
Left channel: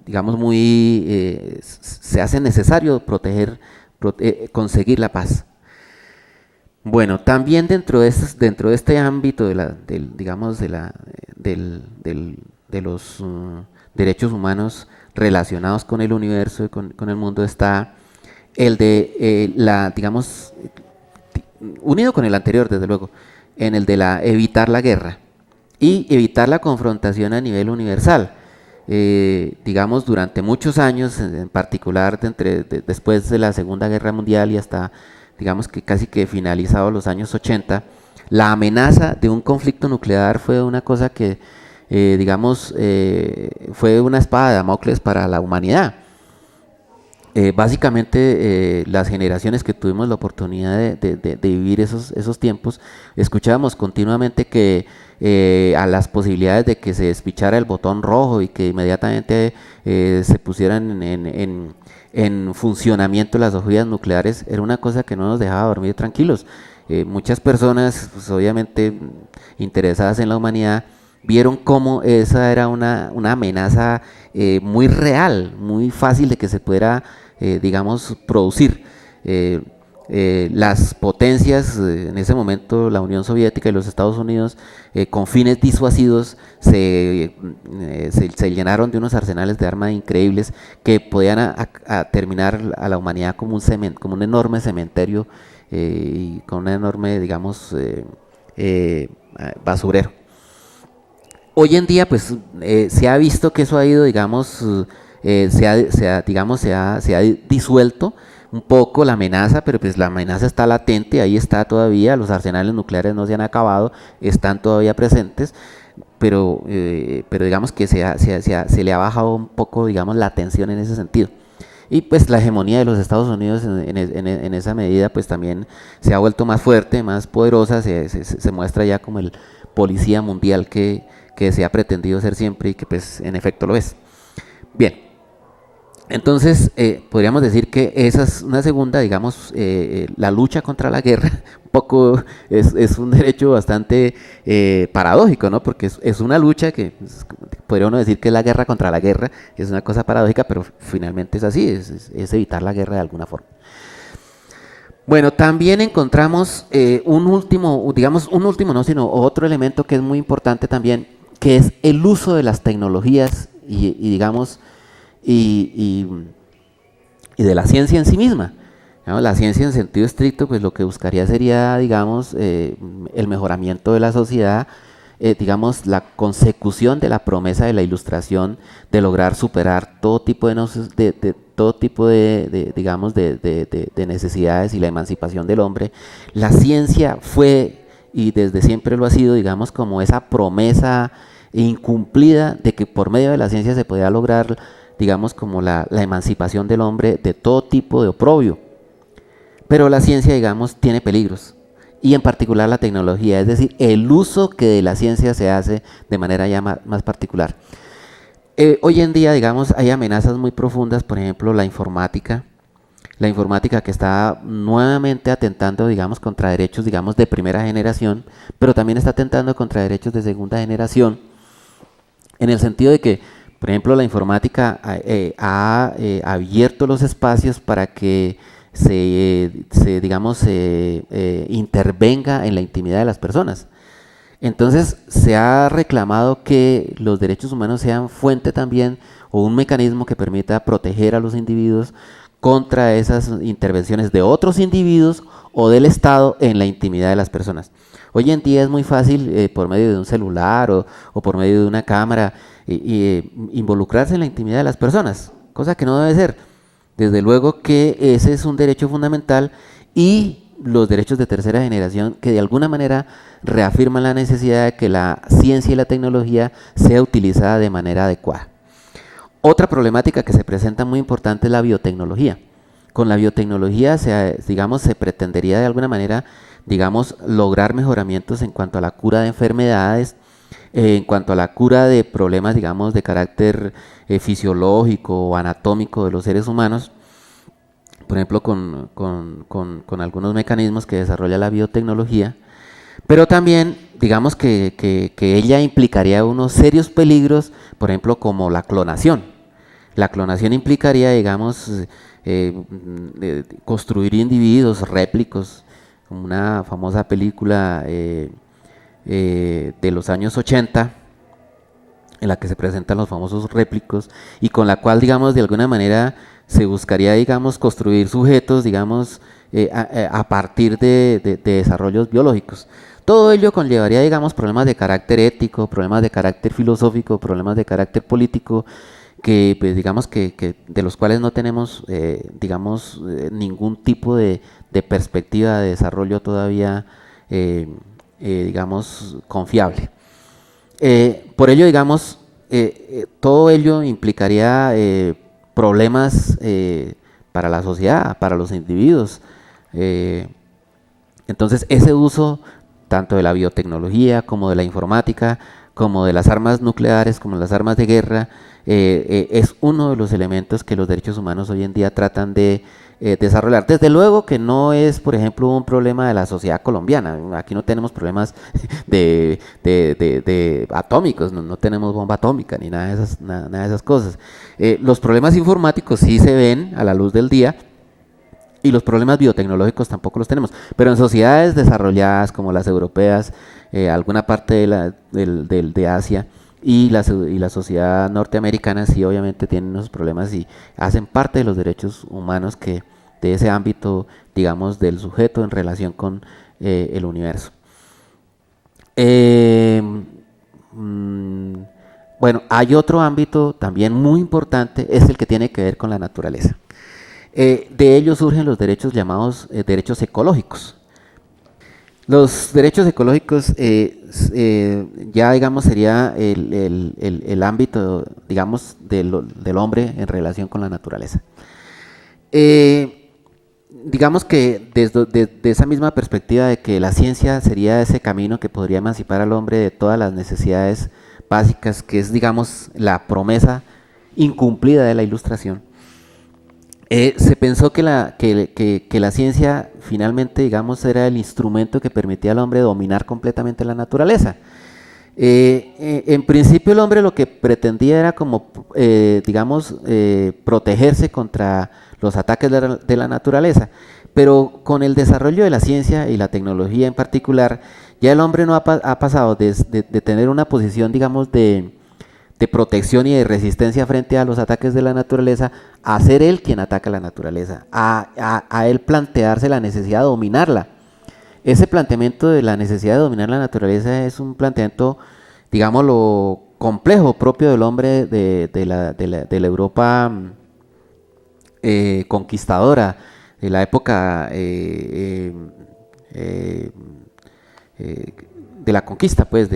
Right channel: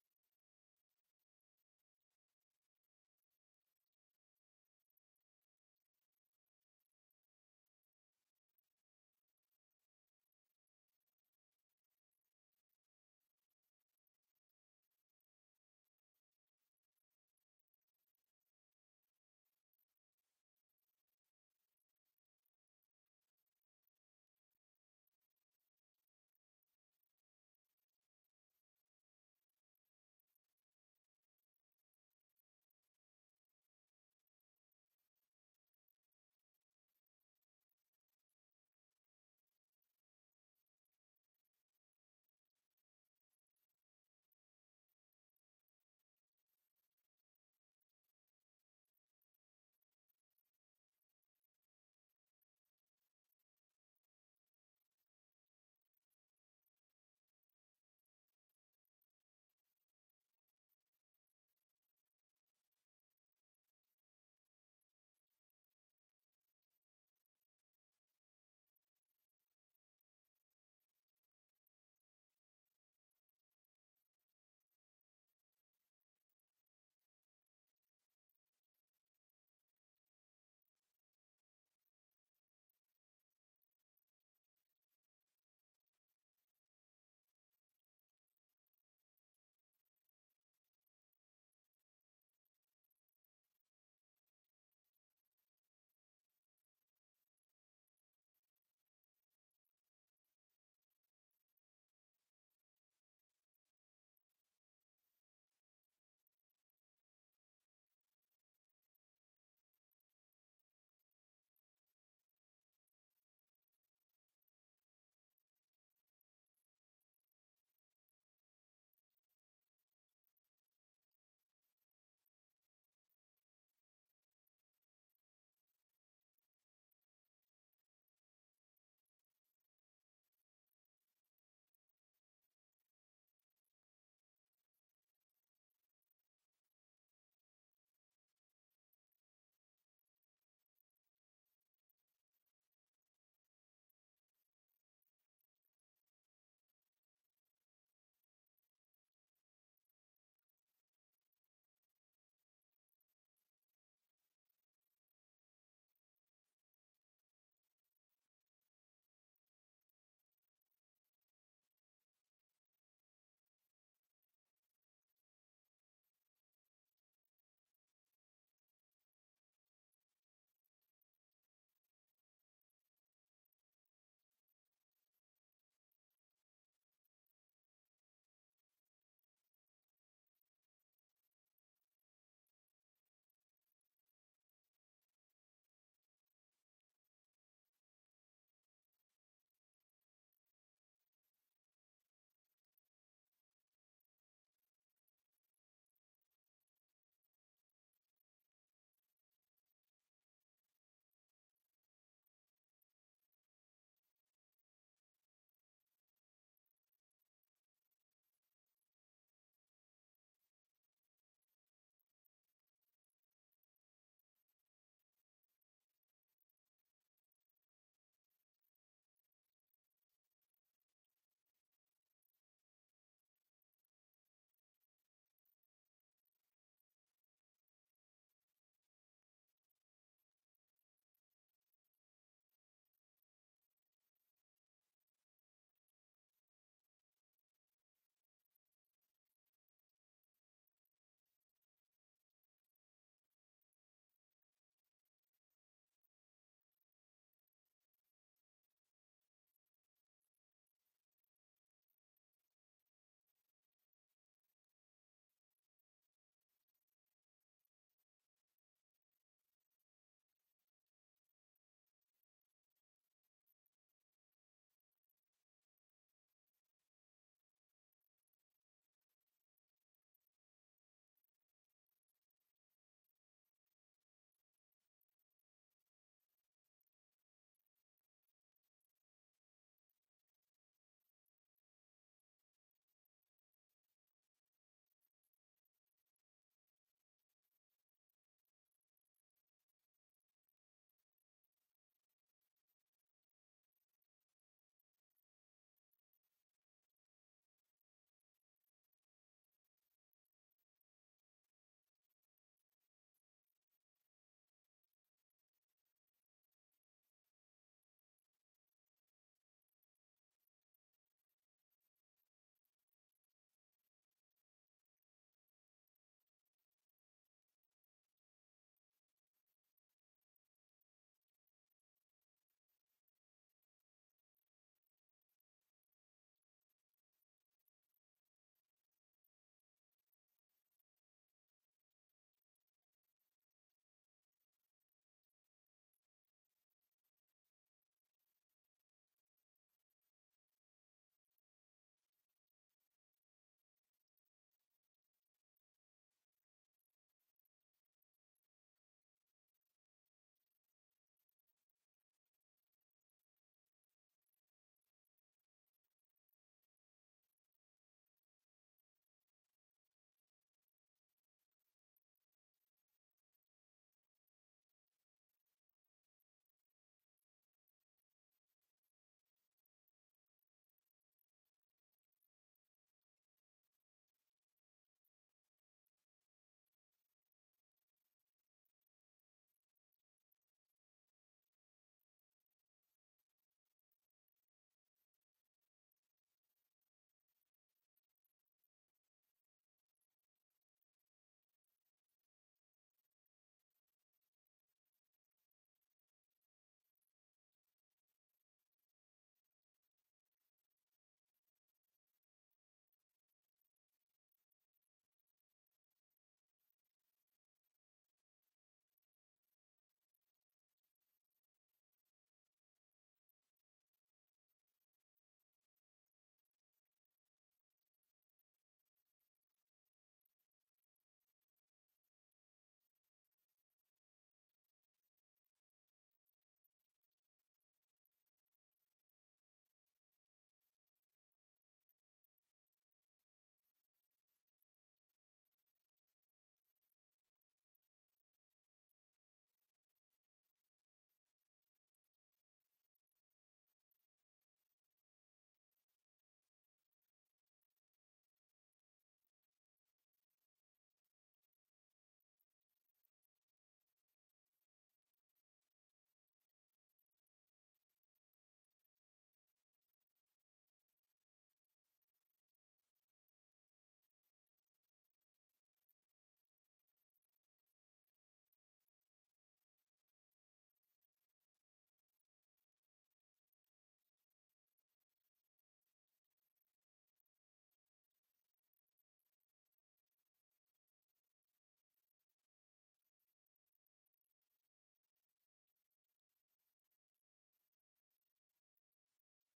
digamos, se hace necesario conseguir la paz. Bueno, también dentro de este ámbito de los derechos humanos relacionados con el universo y con el mundo está el de digamos, unido con el anterior, desde luego, en el de evitar la guerra y evitar la confrontación a nivel universal. Digamos, durante muchos años, en particular después de la Segunda Guerra Mundial y hasta, digamos, que casi que finalizados los años 80, la amenaza de un conflicto nuclear fue una cosa que, digamos, fue una espada de Damocles para la humanidad. Básicamente, las generaciones que tuvimos la oportunidad de vivir esos tiempos, escuchábamos continuamente que a las posibilidades de que se despichara el botón rojo y que inmediatamente se pusieran en funcionamiento las ojivas nucleares, era una cosa que no nos dejaba dormir tranquilos. Muchas personas, pues, obviamente interesadas en la humanidad, vieron cómo esa era una amenaza muy real, muy fácil de que se pudiera, digamos, producir. Las potencias, en ese momento la Unión Soviética y los Estados Unidos, con fines disuasivos, se llenaron de unos arsenales de armas increíbles que podían terminar a la humanidad como un enorme cementerio y con un enorme, digamos, basurero. Hoy en día, pues, se ha visto que eso ha ido, digamos, se ha disuelto un poco la amenaza, pero pues la amenaza está latente, ahí está todavía, los arsenales nucleares no se han acabado, están todavía presentes, pero digamos que se le ha bajado un poco, digamos, la tensión en ese sentido. Y pues la hegemonía de los Estados Unidos en esa medida, pues también se ha vuelto más fuerte, más poderosa, se muestra ya como el policía mundial que se ha pretendido ser siempre y que pues en efecto lo es. Bien, entonces podríamos decir que esa es una segunda, digamos, la lucha contra la guerra, un poco es un derecho bastante paradójico, ¿no? Porque es una lucha que podría uno decir que es la guerra contra la guerra, es una cosa paradójica, pero finalmente es así, es evitar la guerra de alguna forma. Bueno, también encontramos otro elemento que es muy importante también, que es el uso de las tecnologías y de la ciencia en sí misma. ¿No? La ciencia en sentido estricto, pues lo que buscaría sería, digamos, el mejoramiento de la sociedad, digamos, la consecución de la promesa de la ilustración, de lograr superar todo tipo de necesidades y la emancipación del hombre. La ciencia fue, y desde siempre lo ha sido, digamos, como esa promesa incumplida de que por medio de la ciencia se podía lograr, digamos, como la emancipación del hombre de todo tipo de oprobio. Pero la ciencia, digamos, tiene peligros, y en particular la tecnología, es decir, el uso que de la ciencia se hace de manera ya más particular. Hoy en día, digamos, hay amenazas muy profundas, por ejemplo, la informática, la informática que está nuevamente atentando, digamos, contra derechos, digamos, de primera generación, pero también está atentando contra derechos de segunda generación, en el sentido de que, por ejemplo, la informática ha abierto los espacios para que digamos, intervenga en la intimidad de las personas. Entonces, se ha reclamado que los derechos humanos sean fuente también o un mecanismo que permita proteger a los individuos contra esas intervenciones de otros individuos o del Estado en la intimidad de las personas. Hoy en día es muy fácil, por medio de un celular o por medio de una cámara, involucrarse en la intimidad de las personas, cosa que no debe ser. Desde luego que ese es un derecho fundamental, y los derechos de tercera generación que de alguna manera reafirman la necesidad de que la ciencia y la tecnología sea utilizada de manera adecuada. Otra problemática que se presenta muy importante es la biotecnología. Con la biotecnología digamos, se pretendería de alguna manera, digamos, lograr mejoramientos en cuanto a la cura de enfermedades, en cuanto a la cura de problemas, digamos, de carácter fisiológico o anatómico de los seres humanos, por ejemplo, con algunos mecanismos que desarrolla la biotecnología, pero también, digamos, que ella implicaría unos serios peligros, por ejemplo, como la clonación. La clonación implicaría, digamos, construir individuos réplicos, como una famosa película de los años 80, en la que se presentan los famosos réplicos, y con la cual, digamos, de alguna manera se buscaría, digamos, construir sujetos, digamos, a partir de desarrollos biológicos. Todo ello conllevaría, digamos, problemas de carácter ético, problemas de carácter filosófico, problemas de carácter político, que pues, digamos que de los cuales no tenemos, digamos, ningún tipo de perspectiva de desarrollo todavía, digamos, confiable. Por ello, digamos, todo ello implicaría problemas para la sociedad, para los individuos. Entonces, ese uso tanto de la biotecnología como de la informática, como de las armas nucleares, como las armas de guerra, es uno de los elementos que los derechos humanos hoy en día tratan de desarrollar. Desde luego que no es, por ejemplo, un problema de la sociedad colombiana. Aquí no tenemos problemas de atómicos, no tenemos bomba atómica ni nada de esas cosas. Los problemas informáticos sí se ven a la luz del día, y los problemas biotecnológicos tampoco los tenemos. Pero en sociedades desarrolladas como las europeas, alguna parte de Asia y la sociedad norteamericana sí obviamente tienen esos problemas y hacen parte de los derechos humanos de ese ámbito, digamos, del sujeto en relación con el universo. Bueno, hay otro ámbito también muy importante, es el que tiene que ver con la naturaleza. De ello surgen los derechos llamados derechos ecológicos. Los derechos ecológicos ya, digamos, sería el ámbito, digamos, del hombre en relación con la naturaleza. Digamos que desde esa misma perspectiva de que la ciencia sería ese camino que podría emancipar al hombre de todas las necesidades básicas, que es, digamos, la promesa incumplida de la Ilustración, se pensó que la ciencia finalmente, digamos, era el instrumento que permitía al hombre dominar completamente la naturaleza. En principio el hombre lo que pretendía era como, digamos, protegerse contra los ataques de la naturaleza, pero con el desarrollo de la ciencia y la tecnología en particular, ya el hombre no ha pasado de tener una posición, digamos, de protección y de resistencia frente a los ataques de la naturaleza, a ser él quien ataca la naturaleza, a él plantearse la necesidad de dominarla. Ese planteamiento de la necesidad de dominar la naturaleza es un planteamiento, digámoslo, complejo, propio del hombre de la Europa conquistadora, de la época de la conquista, pues,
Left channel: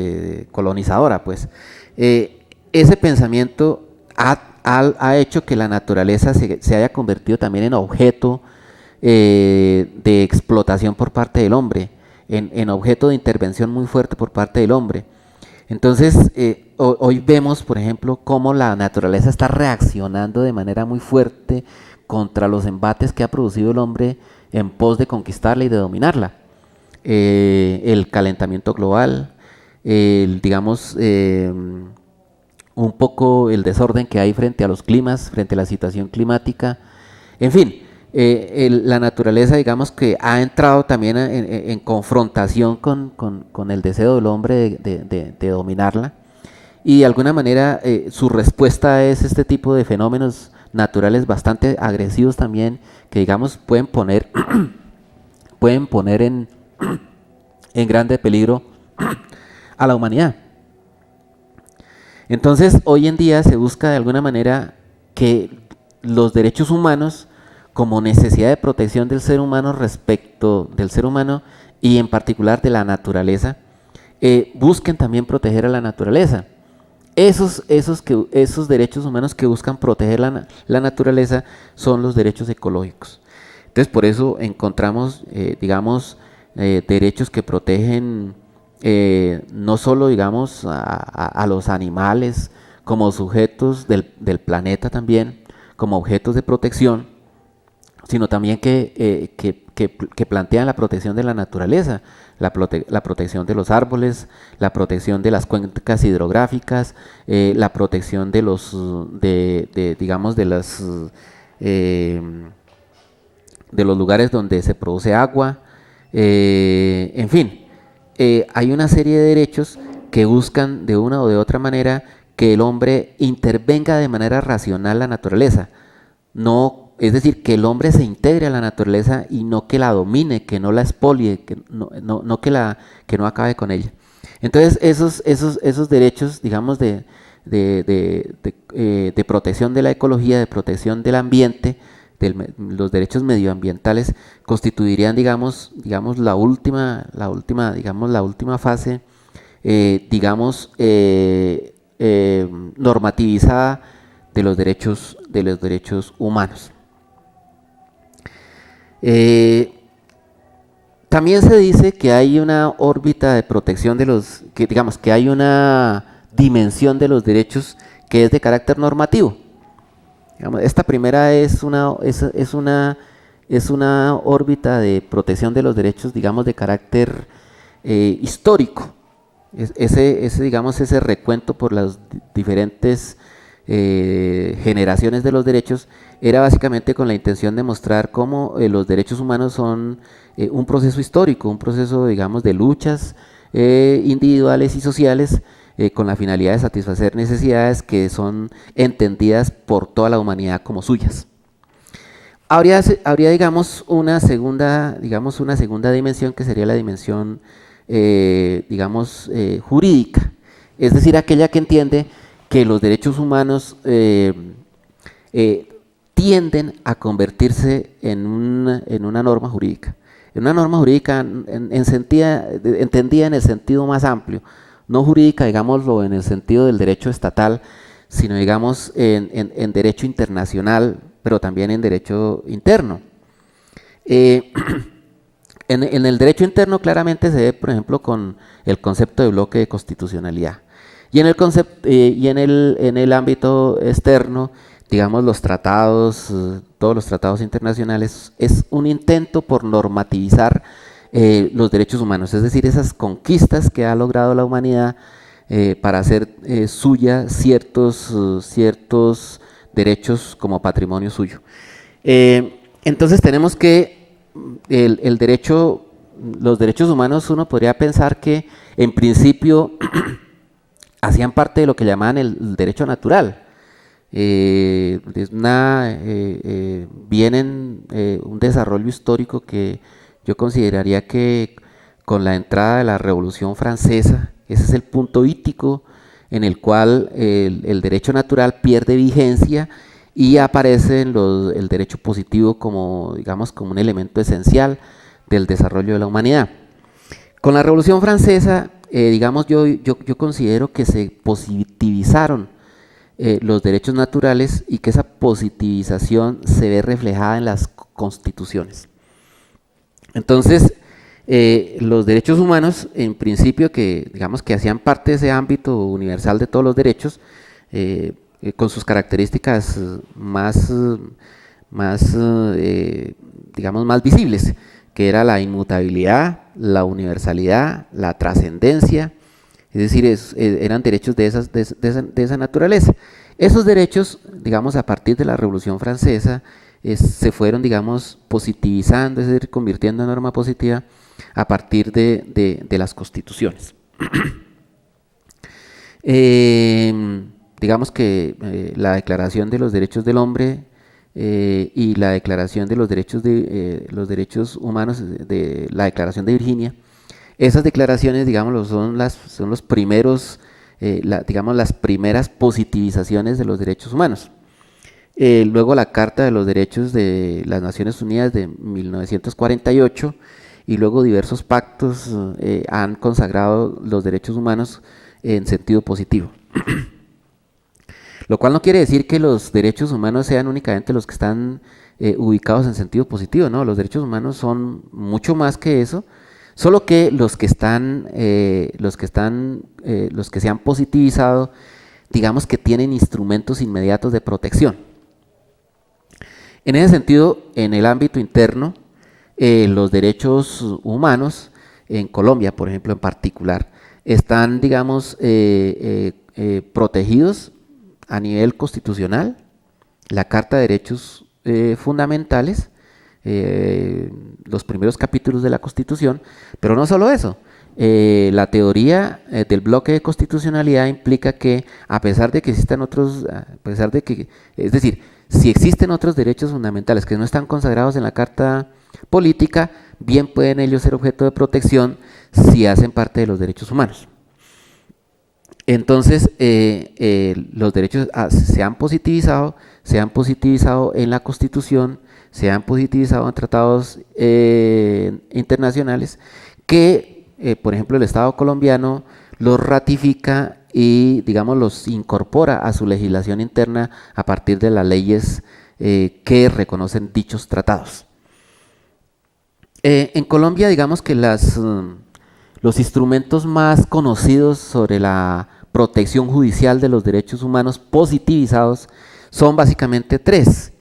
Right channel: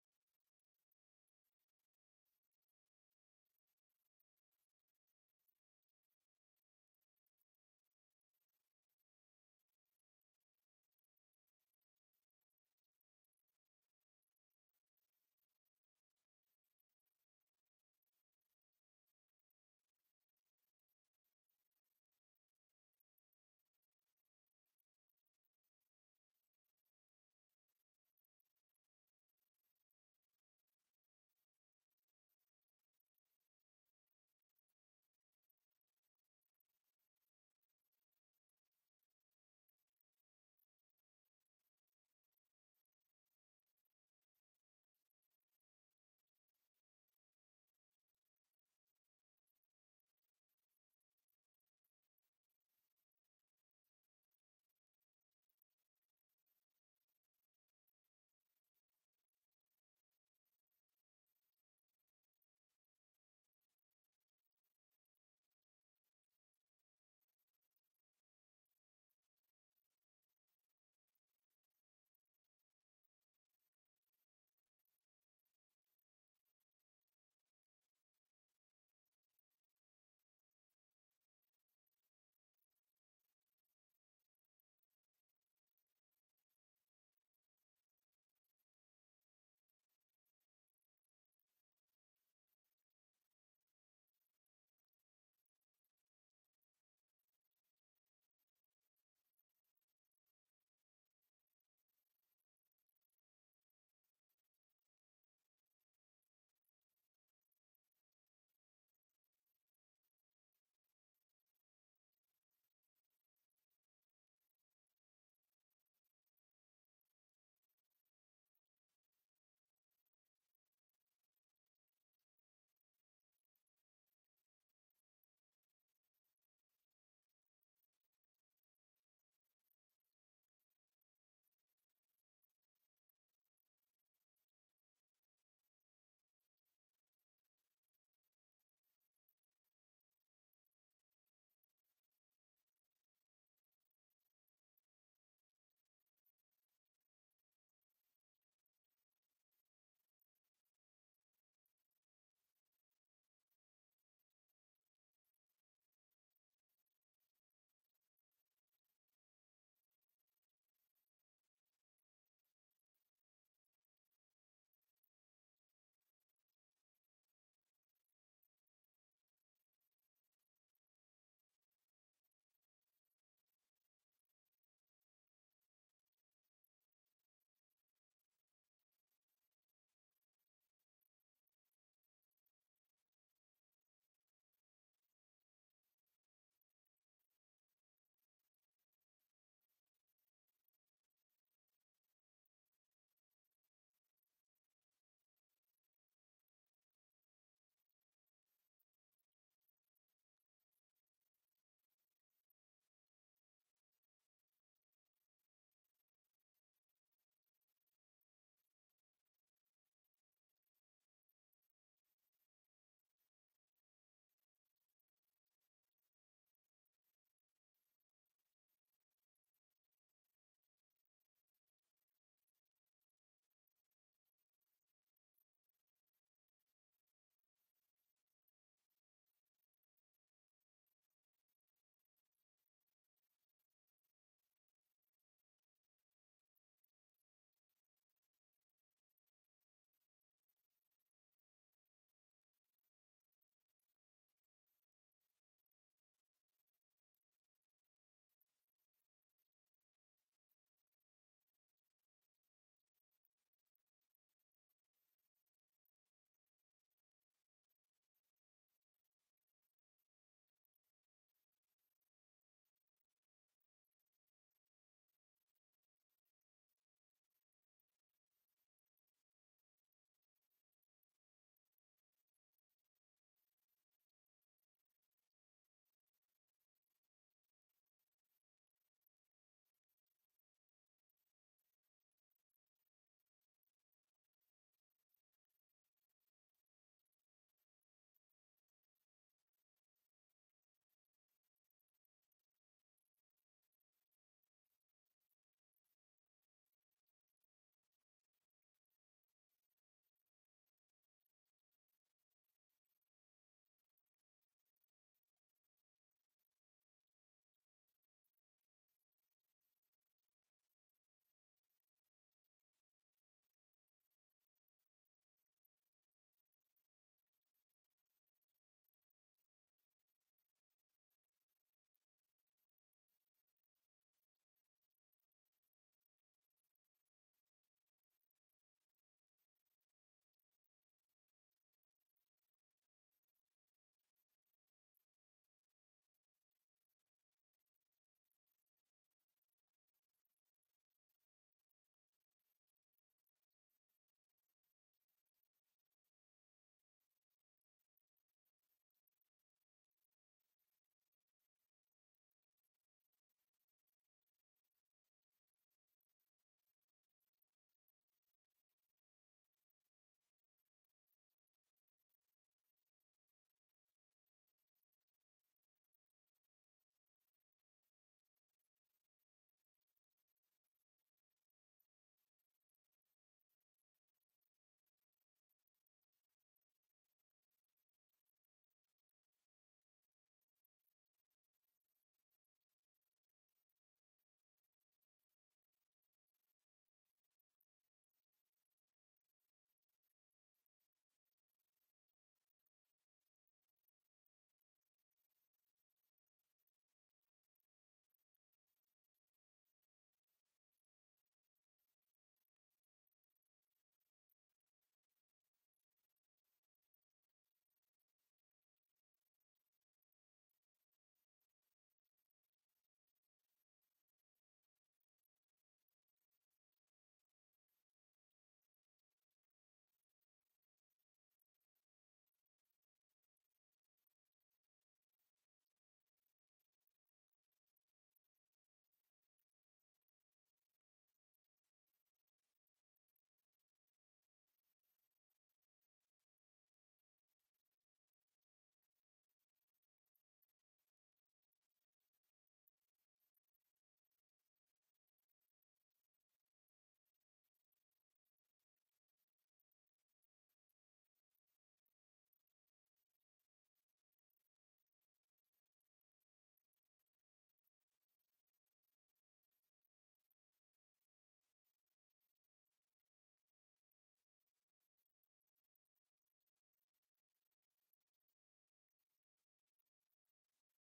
colonizadora, pues. Ese pensamiento ha hecho que la naturaleza se haya convertido también en objeto de explotación por parte del hombre, en objeto de intervención muy fuerte por parte del hombre. Entonces, hoy vemos, por ejemplo, cómo la naturaleza está reaccionando de manera muy fuerte contra los embates que ha producido el hombre en pos de conquistarla y de dominarla. El calentamiento global, digamos, un poco el desorden que hay frente a los climas, frente a la situación climática, en fin, la naturaleza, digamos, que ha entrado también en confrontación con el deseo del hombre de dominarla, y de alguna manera su respuesta es este tipo de fenómenos naturales bastante agresivos también, que digamos pueden poner, pueden poner en grande peligro a la humanidad. Entonces, hoy en día se busca de alguna manera que los derechos humanos, como necesidad de protección del ser humano respecto del ser humano y en particular de la naturaleza, busquen también proteger a la naturaleza. Esos derechos humanos que buscan proteger la naturaleza son los derechos ecológicos. Entonces, por eso encontramos, digamos, derechos que protegen no solo, digamos, a los animales como sujetos del planeta también, como objetos de protección, sino también que plantean la protección de la naturaleza, la protección de los árboles, la protección de las cuencas hidrográficas, la protección de los, digamos, de los lugares donde se produce agua, en fin, hay una serie de derechos que buscan de una o de otra manera que el hombre intervenga de manera racional la naturaleza, no, es decir, que el hombre se integre a la naturaleza y no que la domine, que no la expolie, que no acabe con ella. Entonces, esos derechos, digamos, de protección de la ecología, de protección del ambiente, los derechos medioambientales constituirían, digamos, la última fase, normativizada de los derechos humanos. También se dice que hay una órbita de protección que hay una dimensión de los derechos que es de carácter normativo. Digamos, esta primera es una órbita de protección de los derechos, digamos, de carácter histórico. Ese recuento por las diferentes generaciones de los derechos era básicamente con la intención de mostrar cómo los derechos humanos son un proceso histórico, un proceso, digamos, de luchas individuales y sociales, con la finalidad de satisfacer necesidades que son entendidas por toda la humanidad como suyas. Habría digamos, una segunda dimensión, que sería la dimensión, jurídica, es decir, aquella que entiende que los derechos humanos tienden a convertirse en una norma jurídica. En una norma jurídica entendida en el sentido más amplio, no jurídica, digámoslo, en el sentido del derecho estatal, sino, digamos, en derecho internacional, pero también en derecho interno. En el derecho interno claramente se ve, por ejemplo, con el concepto de bloque de constitucionalidad. Y en el ámbito externo, digamos, los tratados, todos los tratados internacionales, es un intento por normativizar los derechos humanos, es decir, esas conquistas que ha logrado la humanidad para hacer suya ciertos derechos como patrimonio suyo. Entonces tenemos que los derechos humanos, uno podría pensar que en principio hacían parte de lo que llamaban el derecho natural. Vienen un desarrollo histórico que yo consideraría que con la entrada de la Revolución Francesa, ese es el punto ítico en el cual el derecho natural pierde vigencia y aparece el derecho positivo como, digamos, como un elemento esencial del desarrollo de la humanidad. Con la Revolución Francesa, digamos, yo considero que se positivizaron los derechos naturales y que esa positivización se ve reflejada en las constituciones. Entonces, los derechos humanos, en principio, que digamos que hacían parte de ese ámbito universal de todos los derechos, con sus características más más digamos, más visibles, que era la inmutabilidad, la universalidad, la trascendencia, es decir, eran derechos de esa naturaleza. Esos derechos, digamos, a partir de la Revolución Francesa, se fueron, digamos, positivizando, es decir, convirtiendo en norma positiva a partir de las constituciones. Digamos que la Declaración de los Derechos del Hombre y la Declaración de los Derechos Humanos, de la Declaración de Virginia, esas declaraciones, digamos, son los primeros, digamos, las primeras positivizaciones de los derechos humanos. Luego la Carta de los Derechos de las Naciones Unidas de 1948 y luego diversos pactos han consagrado los derechos humanos en sentido positivo. Lo cual no quiere decir que los derechos humanos sean únicamente los que están ubicados en sentido positivo, ¿no? Los derechos humanos son mucho más que eso, solo que los que se han positivizado, digamos que tienen instrumentos inmediatos de protección. En ese sentido, en el ámbito interno, los derechos humanos, en Colombia, por ejemplo, en particular, están, digamos, protegidos a nivel constitucional, la Carta de Derechos Fundamentales, los primeros capítulos de la Constitución, pero no solo eso. La teoría del bloque de constitucionalidad implica que a pesar de que existan otros, es decir, si existen otros derechos fundamentales que no están consagrados en la Carta Política, bien pueden ellos ser objeto de protección si hacen parte de los derechos humanos. Entonces, los derechos se han positivizado en la Constitución, se han positivizado en tratados internacionales que, por ejemplo, el Estado colombiano los ratifica y, digamos, los incorpora a su legislación interna a partir de las leyes que reconocen dichos tratados. En Colombia, digamos que los instrumentos más conocidos sobre la protección judicial de los derechos humanos positivizados son básicamente tres.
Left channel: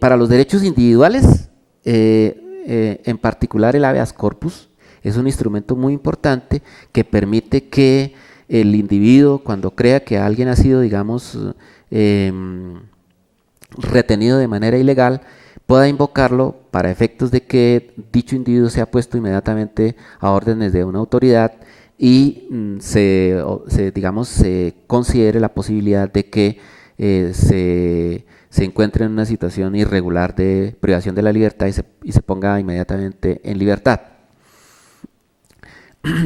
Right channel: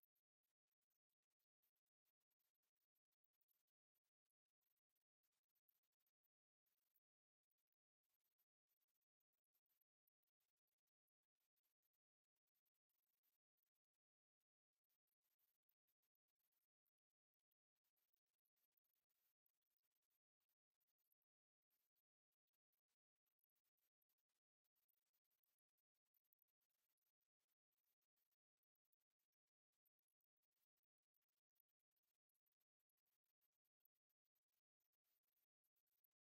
Para los derechos individuales, en particular el habeas corpus, es un instrumento muy importante que permite que el individuo, cuando crea que alguien ha sido, digamos, retenido de manera ilegal, pueda invocarlo para efectos de que dicho individuo sea puesto inmediatamente a órdenes de una autoridad y se considere la posibilidad de que se encuentre en una situación irregular de privación de la libertad y se ponga inmediatamente en libertad.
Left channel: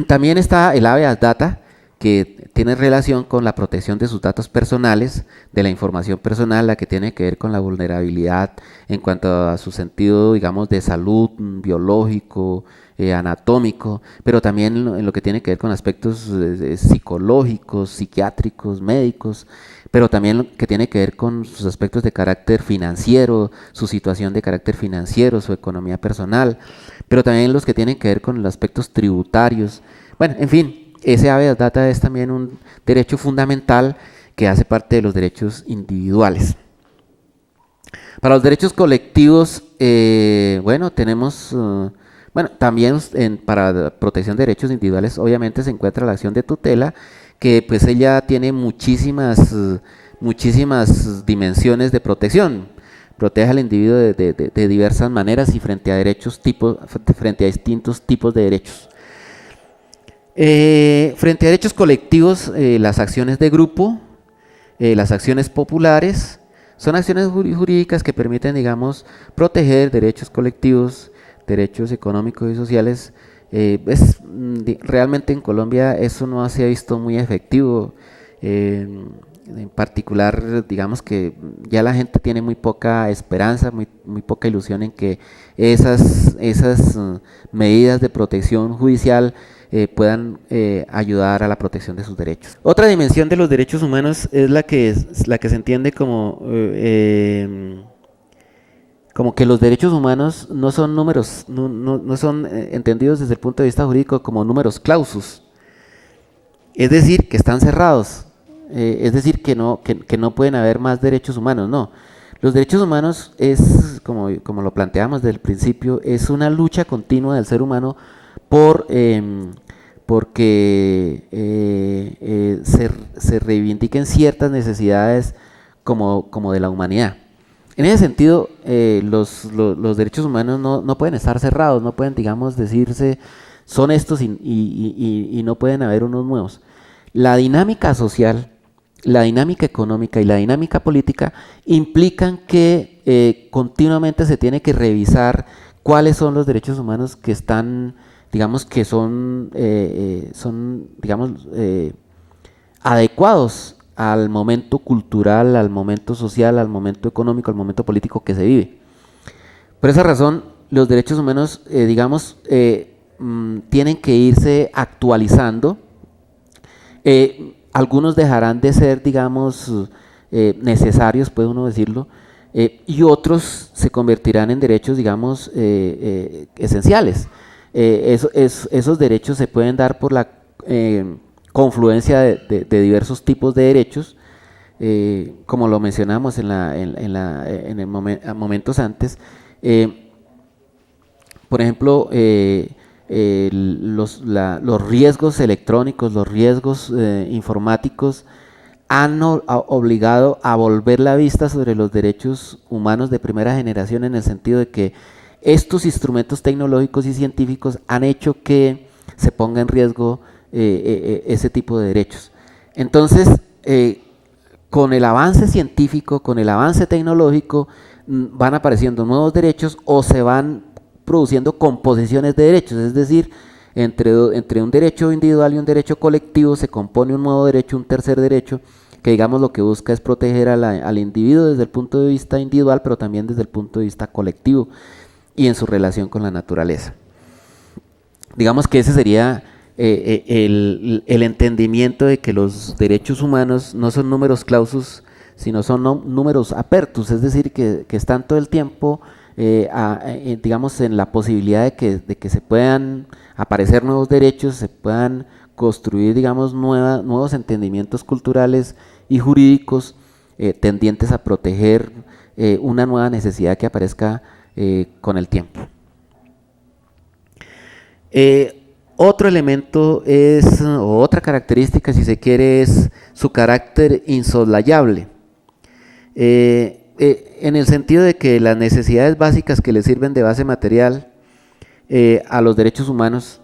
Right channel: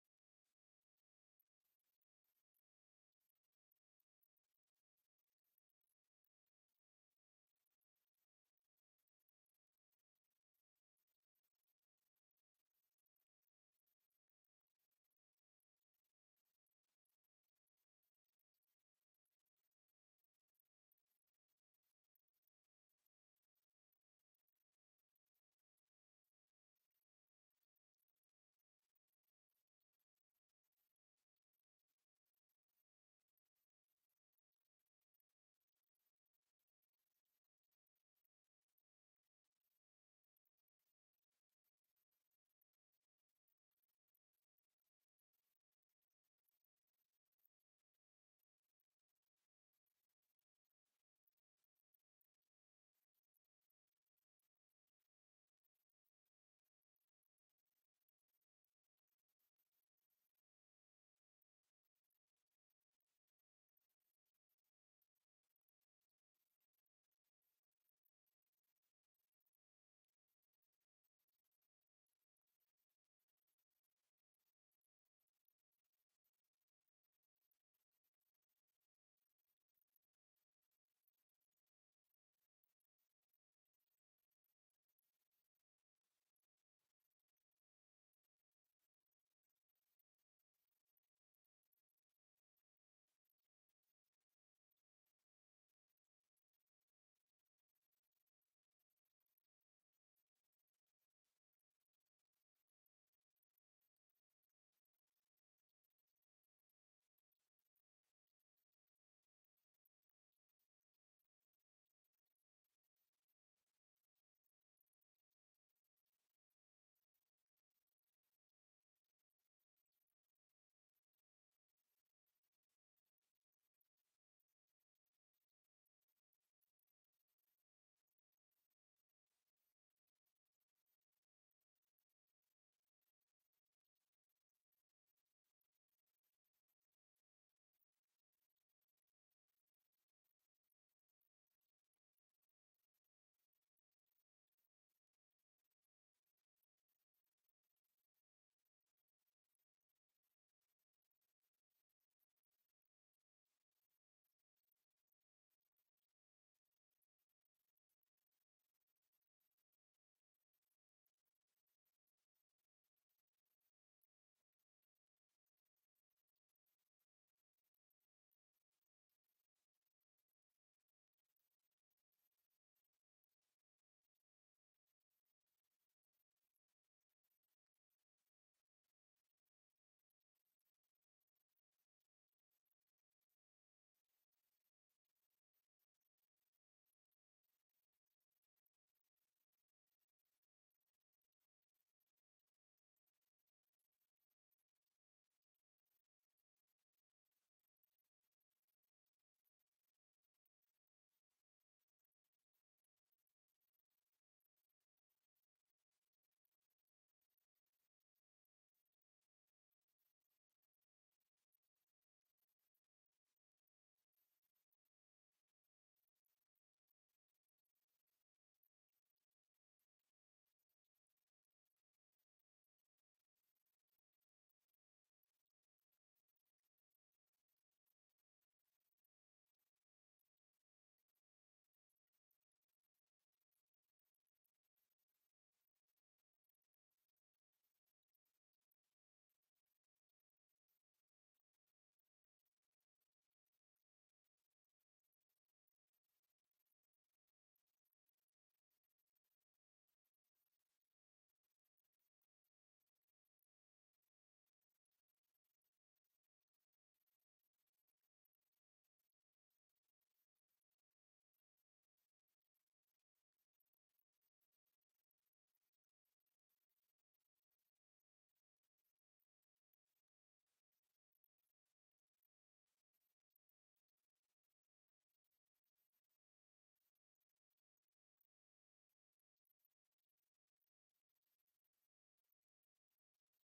También está el habeas data, que tiene relación con la protección de sus datos personales, de la información personal, la que tiene que ver con la vulnerabilidad en cuanto a su sentido, digamos, de salud, biológico, anatómico, pero también en lo que tiene que ver con aspectos psicológicos, psiquiátricos, médicos, pero también lo que tiene que ver con sus aspectos de carácter financiero, su situación de carácter financiero, su economía personal, pero también los que tienen que ver con los aspectos tributarios. Bueno, en fin, ese habeas data es también un derecho fundamental que hace parte de los derechos individuales. Para los derechos colectivos, tenemos, también para protección de derechos individuales, obviamente se encuentra la acción de tutela, que pues ella tiene muchísimas dimensiones de protección. Protege al individuo de diversas maneras y frente a distintos tipos de derechos. Frente a derechos colectivos, las acciones de grupo, las acciones populares, son acciones jurídicas que permiten, digamos, proteger derechos colectivos, derechos económicos y sociales. Realmente en Colombia eso no se ha visto muy efectivo. En particular, digamos que ya la gente tiene muy poca esperanza, muy poca ilusión en que esas medidas de protección judicial puedan ayudar a la protección de sus derechos. Otra dimensión de los derechos humanos es la que se entiende como que los derechos humanos no son números, no son entendidos desde el punto de vista jurídico como números clausus, es decir, que están cerrados, es decir, que no pueden haber más derechos humanos, no. Los derechos humanos es, como lo planteamos desde el principio, es una lucha continua del ser humano por, porque se reivindiquen ciertas necesidades como de la humanidad. En ese sentido, los derechos humanos no pueden estar cerrados, no pueden, digamos, decirse son estos y no pueden haber unos nuevos. La dinámica social, la dinámica económica y la dinámica política implican que continuamente se tiene que revisar cuáles son los derechos humanos que están, digamos, que son digamos, adecuados al momento cultural, al momento social, al momento económico, al momento político que se vive. Por esa razón, los derechos humanos, digamos, tienen que irse actualizando. Algunos dejarán de ser, digamos, necesarios, puede uno decirlo, y otros se convertirán en derechos, digamos, esenciales. Esos derechos se pueden dar por la confluencia de diversos tipos de derechos, como lo mencionamos en momentos antes. Por ejemplo, los riesgos electrónicos, los riesgos informáticos han obligado a volver la vista sobre los derechos humanos de primera generación, en el sentido de que estos instrumentos tecnológicos y científicos han hecho que se ponga en riesgo ese tipo de derechos. Entonces, con el avance científico, con el avance tecnológico, van apareciendo nuevos derechos o se van produciendo composiciones de derechos, es decir, entre un derecho individual y un derecho colectivo se compone un nuevo derecho, un tercer derecho, que digamos lo que busca es proteger al individuo desde el punto de vista individual, pero también desde el punto de vista colectivo y en su relación con la naturaleza. Digamos que ese sería el entendimiento de que los derechos humanos no son números clausus, sino son números apertus, es decir, que están todo el tiempo, digamos, en la posibilidad de que se puedan aparecer nuevos derechos, se puedan construir, digamos, nuevos entendimientos culturales y jurídicos tendientes a proteger una nueva necesidad que aparezca con el tiempo. Otro elemento o otra característica, si se quiere, es su carácter insoslayable. En el sentido de que las necesidades básicas que le sirven de base material a los derechos humanos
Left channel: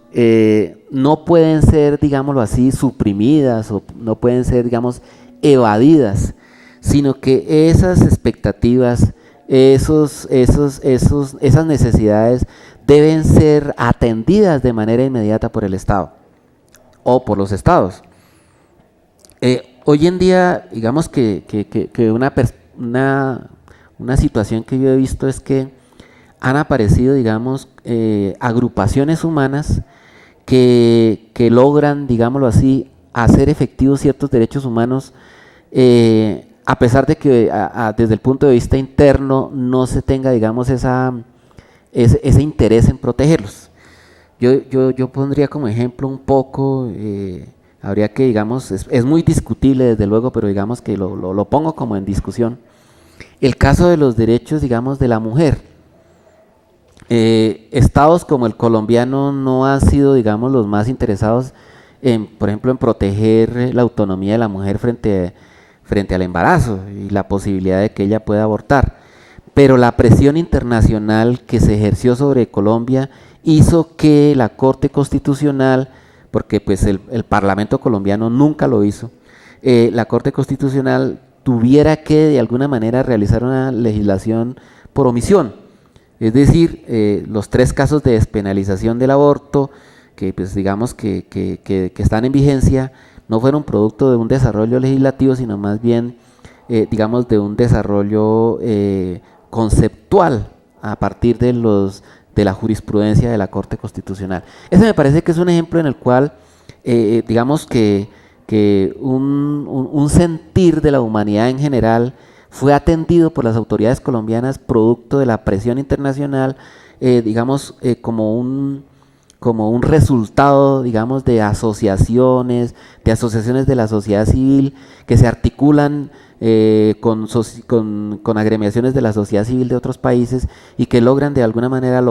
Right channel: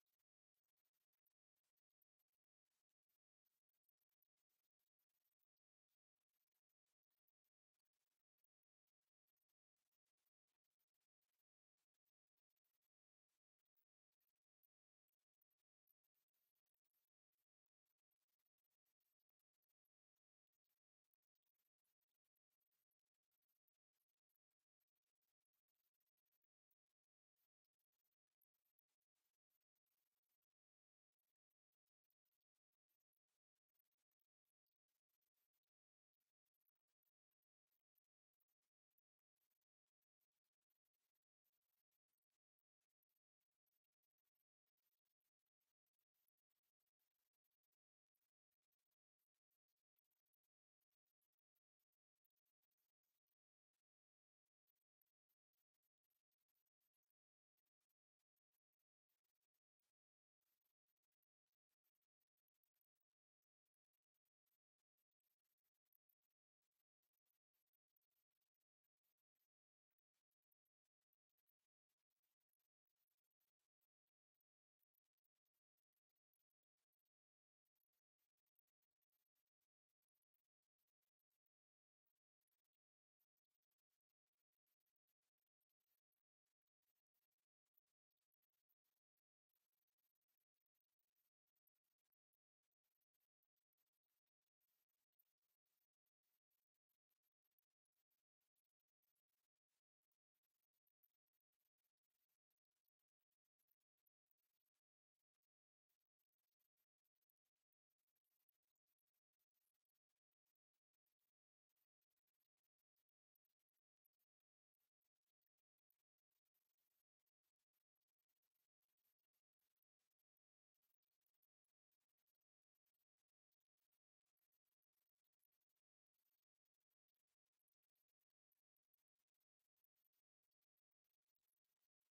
no pueden ser, digámoslo así, suprimidas o no pueden ser, digamos, evadidas, sino que esas expectativas, esas necesidades deben ser atendidas de manera inmediata por el Estado o por los estados. Hoy en día, digamos que una situación que yo he visto es que han aparecido, digamos, agrupaciones humanas que logran, digámoslo así, hacer efectivos ciertos derechos humanos, a pesar de que desde el punto de vista interno no se tenga, digamos, ese interés en protegerlos. Yo pondría como ejemplo un poco, habría que, digamos, es muy discutible desde luego, pero digamos que lo pongo como en discusión, el caso de los derechos, digamos, de la mujer. Estados como el colombiano no han sido, digamos, los más interesados por ejemplo, en proteger la autonomía de la mujer frente al embarazo y la posibilidad de que ella pueda abortar. Pero la presión internacional que se ejerció sobre Colombia hizo que la Corte Constitucional, porque pues el Parlamento colombiano nunca lo hizo, la Corte Constitucional tuviera que de alguna manera realizar una legislación por omisión. Es decir, los 3 casos de despenalización del aborto, que pues digamos que están en vigencia, no fueron producto de un desarrollo legislativo, sino más bien, digamos, de un desarrollo conceptual a partir de la jurisprudencia de la Corte Constitucional. Ese me parece que es un ejemplo en el cual, digamos que un sentir de la humanidad en general fue atendido por las autoridades colombianas producto de la presión internacional, digamos, como como un resultado, digamos, de asociaciones de la sociedad civil que se articulan con agremiaciones de la sociedad civil de otros países y que logran de alguna manera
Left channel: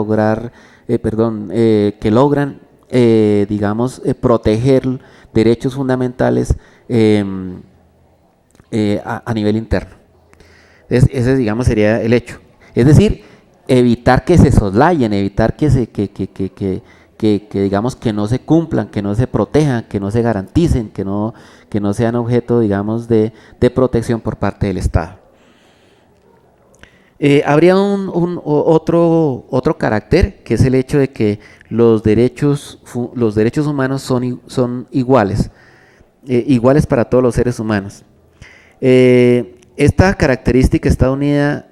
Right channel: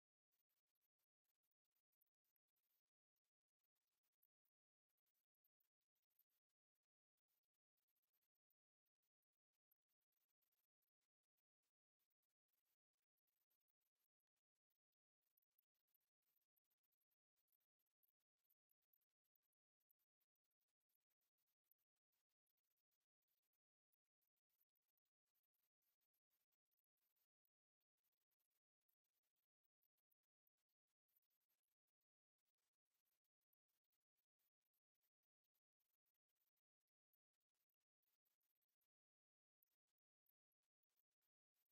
digamos, proteger derechos fundamentales a nivel interno. Ese, digamos, sería el hecho. Es decir, evitar que se soslayen, evitar que digamos, que no se cumplan, que no se protejan, que no se garanticen, que no sean objeto, digamos, de protección por parte del Estado. Habría otro carácter, que es el hecho de que los derechos humanos son iguales, iguales para todos los seres humanos. Esta característica está unida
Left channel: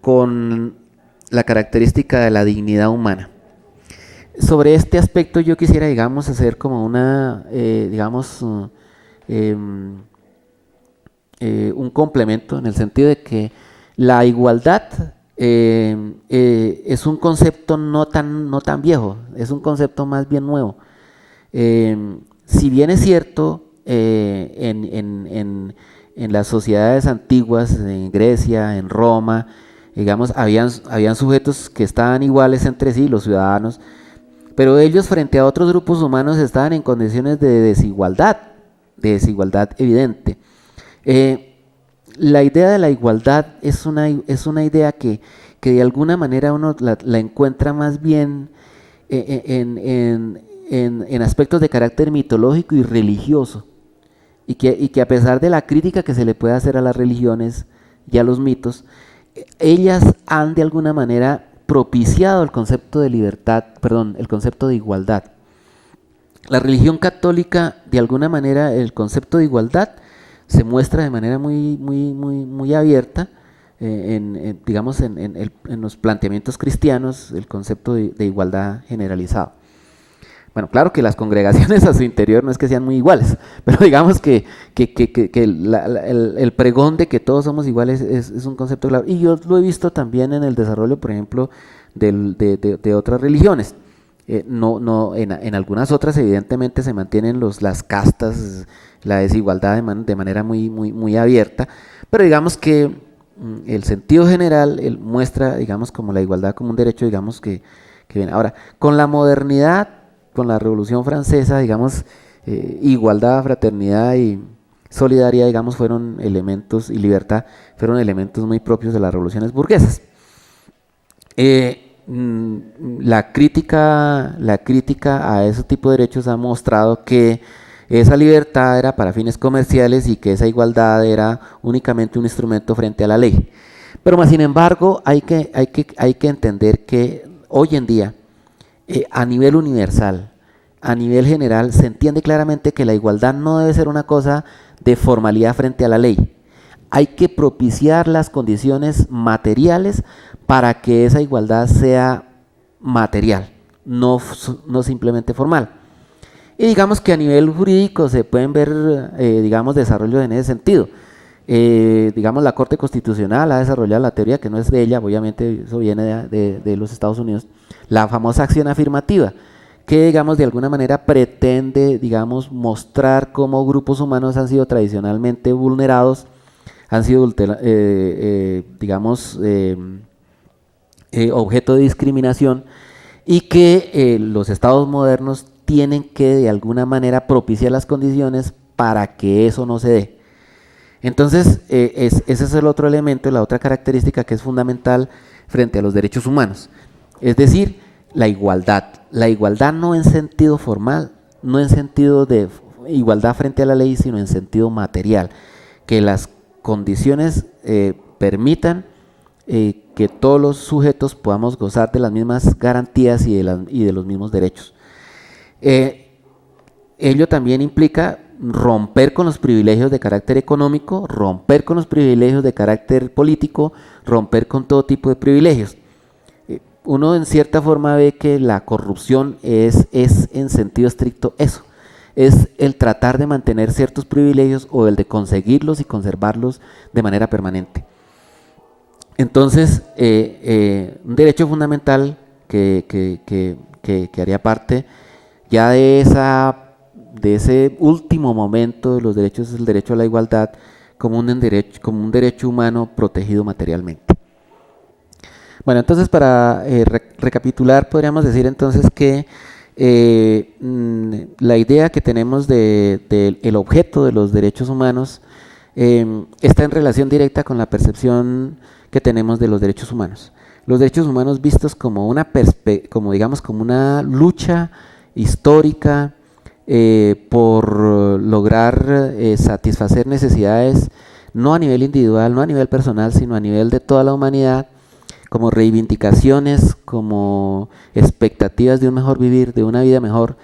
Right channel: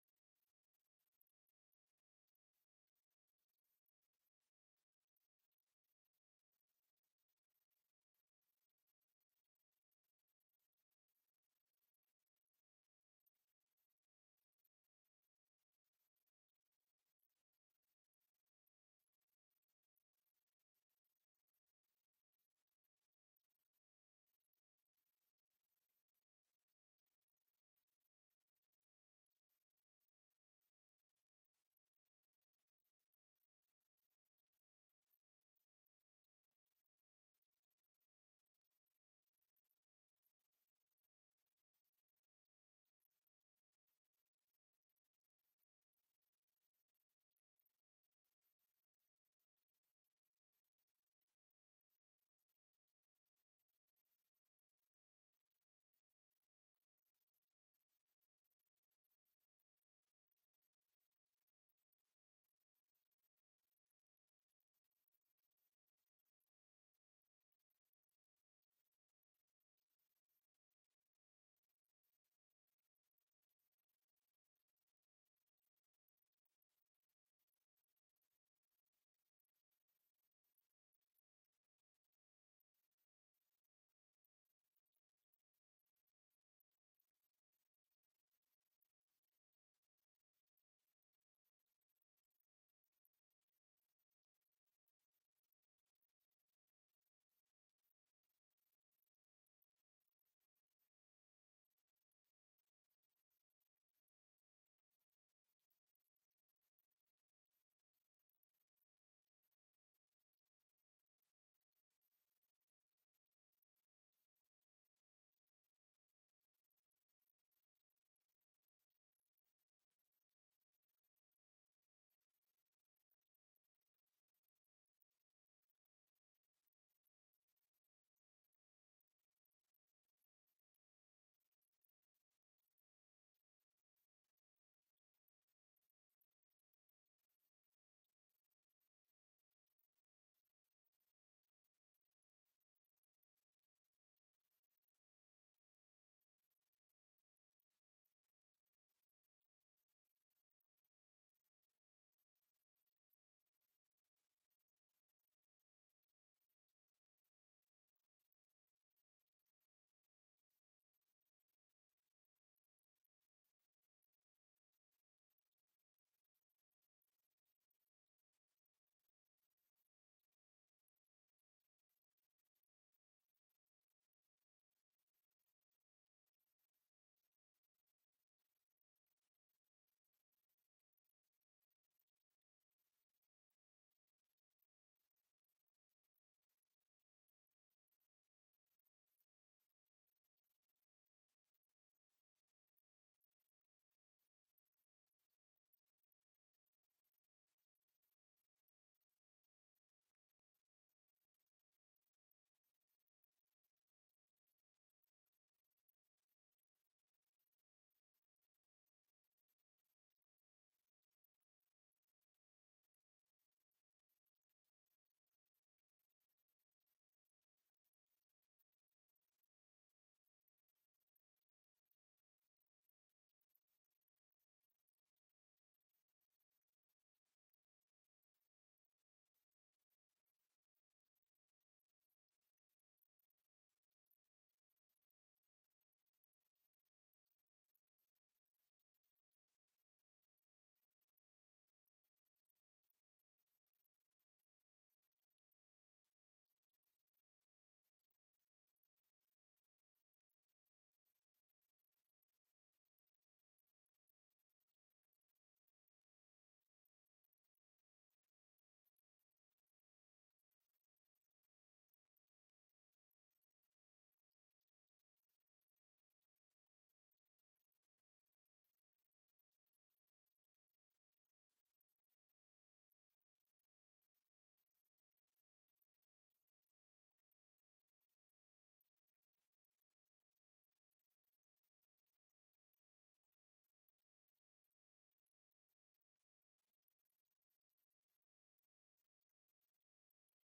con la característica de la dignidad humana. Sobre este aspecto yo quisiera, digamos, hacer como un complemento, en el sentido de que la igualdad es un concepto no tan viejo, es un concepto más bien nuevo. Si bien es cierto, en las sociedades antiguas, en Grecia, en Roma, digamos, habían sujetos que estaban iguales entre sí, los ciudadanos, pero ellos frente a otros grupos humanos estaban en condiciones de desigualdad evidente. La idea de la igualdad es una idea que de alguna manera uno la encuentra más bien en aspectos de carácter mitológico y religioso, y que a pesar de la crítica que se le puede hacer a las religiones y a los mitos, ellas han de alguna manera propiciado el concepto de el concepto de igualdad. La religión católica, de alguna manera, el concepto de igualdad se muestra de manera muy abierta, digamos, en los planteamientos cristianos, el concepto de igualdad generalizado. Bueno, claro que las congregaciones a su interior no es que sean muy iguales, pero digamos que el pregón de que todos somos iguales es un concepto claro. Y yo lo he visto también en el desarrollo, por ejemplo, de otras religiones. En algunas otras evidentemente se mantienen las castas, la desigualdad de manera muy abierta, pero digamos que el sentido general muestra, digamos, como la igualdad como un derecho, digamos, que viene. Ahora, con la modernidad, con la Revolución Francesa, digamos, igualdad, fraternidad y solidaridad, digamos, fueron elementos, y libertad, fueron elementos muy propios de las revoluciones burguesas. La crítica a ese tipo de derechos ha mostrado que esa libertad era para fines comerciales y que esa igualdad era únicamente un instrumento frente a la ley. Pero más sin embargo, hay que entender que hoy en día, a nivel universal, a nivel general, se entiende claramente que la igualdad no debe ser una cosa de formalidad frente a la ley. Hay que propiciar las condiciones materiales para que esa igualdad sea material, no simplemente formal. Y digamos que a nivel jurídico se pueden ver, digamos, desarrollos en ese sentido. Digamos, la Corte Constitucional ha desarrollado la teoría, que no es de ella, obviamente eso viene de los Estados Unidos, la famosa acción afirmativa, que, digamos, de alguna manera pretende, digamos, mostrar cómo grupos humanos han sido tradicionalmente vulnerados, han sido, digamos, objeto de discriminación, y que los estados modernos tienen que de alguna manera propiciar las condiciones para que eso no se dé. Entonces, ese es el otro elemento, la otra característica que es fundamental frente a los derechos humanos. Es decir, la igualdad no en sentido formal, no en sentido de igualdad frente a la ley, sino en sentido material, que las condiciones permitan que todos los sujetos podamos gozar de las mismas garantías y de los mismos derechos. Ello también implica romper con los privilegios de carácter económico, romper con los privilegios de carácter político, romper con todo tipo de privilegios. Uno en cierta forma ve que la corrupción es en sentido estricto eso, es el tratar de mantener ciertos privilegios o el de conseguirlos y conservarlos de manera permanente. Entonces, un derecho fundamental que haría parte ya de ese último momento de los derechos es el derecho a la igualdad como un derecho humano protegido materialmente. Bueno, entonces para recapitular, podríamos decir entonces que la idea que tenemos el objeto de los derechos humanos está en relación directa con la percepción que tenemos de los derechos humanos. Los derechos humanos vistos como como una lucha histórica por lograr satisfacer necesidades no a nivel individual, no a nivel personal, sino a nivel de toda la humanidad, como reivindicaciones, como expectativas de un mejor vivir, de una vida mejor,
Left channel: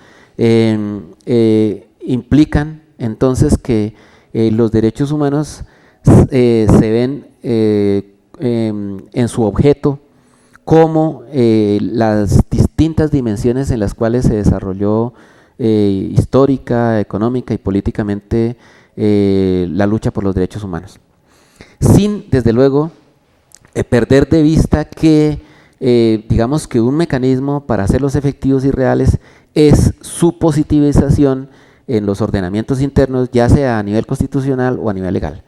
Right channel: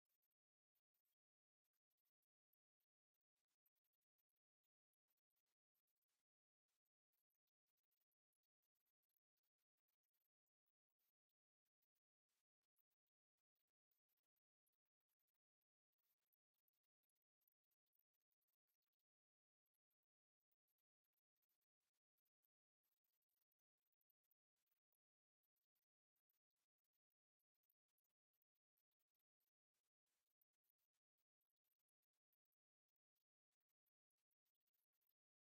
implican entonces que los derechos humanos se ven en su objeto como las distintas dimensiones en las cuales se desarrolló histórica, económica y políticamente la lucha por los derechos humanos. Sin, desde luego, perder de vista que, digamos que un mecanismo para hacerlos efectivos y reales es su positivización en los ordenamientos internos, ya sea a nivel constitucional o a nivel legal.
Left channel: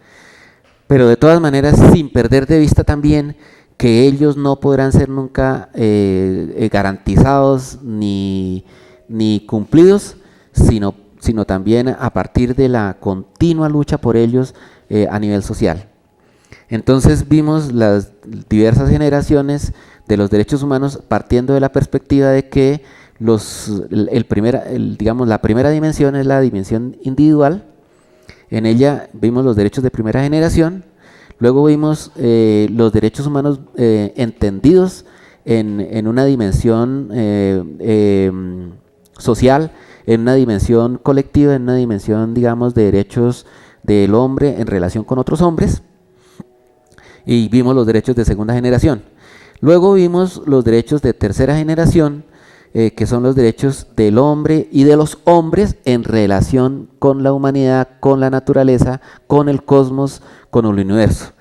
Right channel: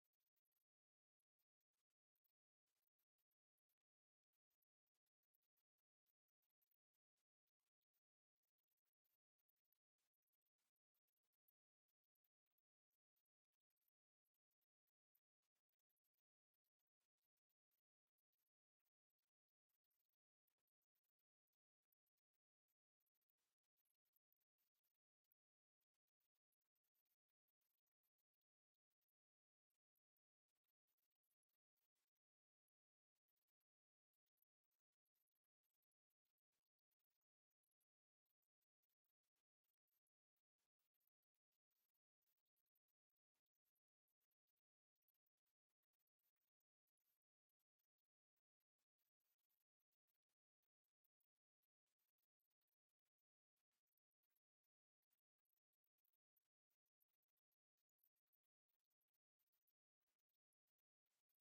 Pero de todas maneras, sin perder de vista también que ellos no podrán ser nunca garantizados ni cumplidos, sino también a partir de la continua lucha por ellos a nivel social. Entonces vimos las diversas generaciones de los derechos humanos partiendo de la perspectiva de que la primera dimensión es la dimensión individual. En ella vimos los derechos de primera generación, luego vimos los derechos humanos entendidos en una dimensión social, en una dimensión colectiva, en una dimensión, digamos, de derechos del hombre en relación con otros hombres, y vimos los derechos de segunda generación. Luego vimos los derechos de tercera generación, que son los derechos del hombre y de los hombres en relación con la humanidad, con la naturaleza, con el cosmos, con el universo.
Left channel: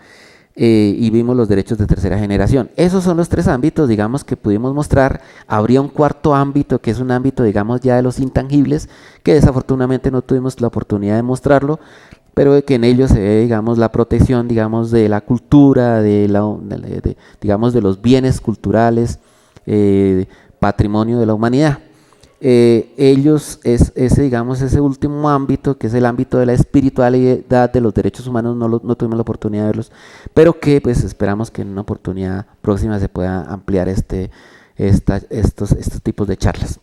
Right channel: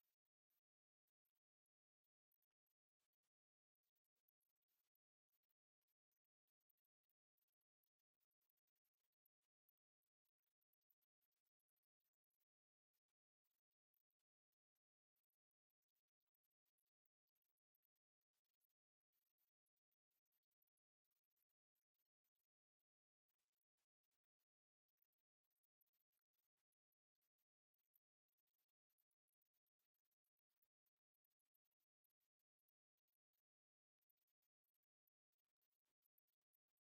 Y vimos los derechos de tercera generación. Esos son los tres ámbitos, digamos, que pudimos mostrar. Habría un cuarto ámbito, que es un ámbito, digamos, ya de los intangibles, que desafortunadamente no tuvimos la oportunidad de mostrarlo, pero que en ello se ve, digamos, la protección, digamos, de la cultura, digamos, de los bienes culturales, patrimonio de la humanidad. Ese último ámbito, que es el ámbito de la espiritualidad de los derechos humanos, no tuvimos la oportunidad de verlos, pero que pues esperamos que en una oportunidad próxima se pueda ampliar estos tipos de charlas.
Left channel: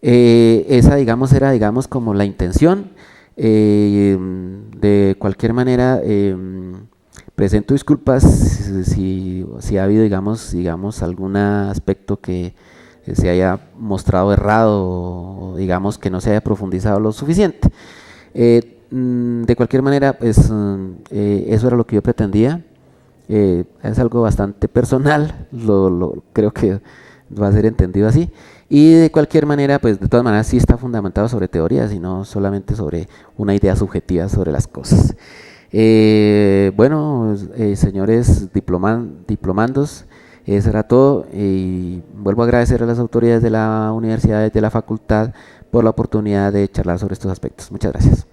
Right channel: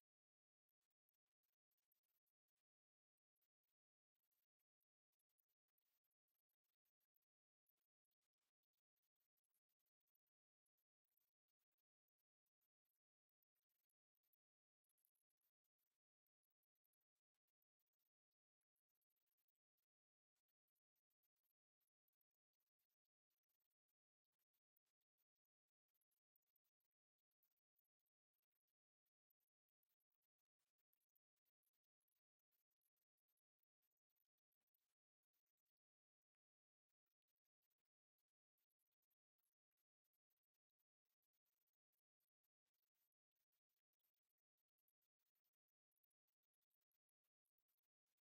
Esa, digamos, era, digamos, como la intención. De cualquier manera, presento disculpas si ha habido, digamos, algún aspecto que se haya mostrado errado o digamos que no se haya profundizado lo suficiente. De cualquier manera, pues eso era lo que yo pretendía. Es algo bastante personal, creo que va a ser entendido así. Y de cualquier manera, pues de todas maneras sí está fundamentado sobre teorías y no solamente sobre una idea subjetiva sobre las cosas. Bueno, señores diplomandos, eso era todo, y vuelvo a agradecer a las autoridades de la universidad y de la facultad por la oportunidad de charlar sobre estos aspectos. Muchas gracias.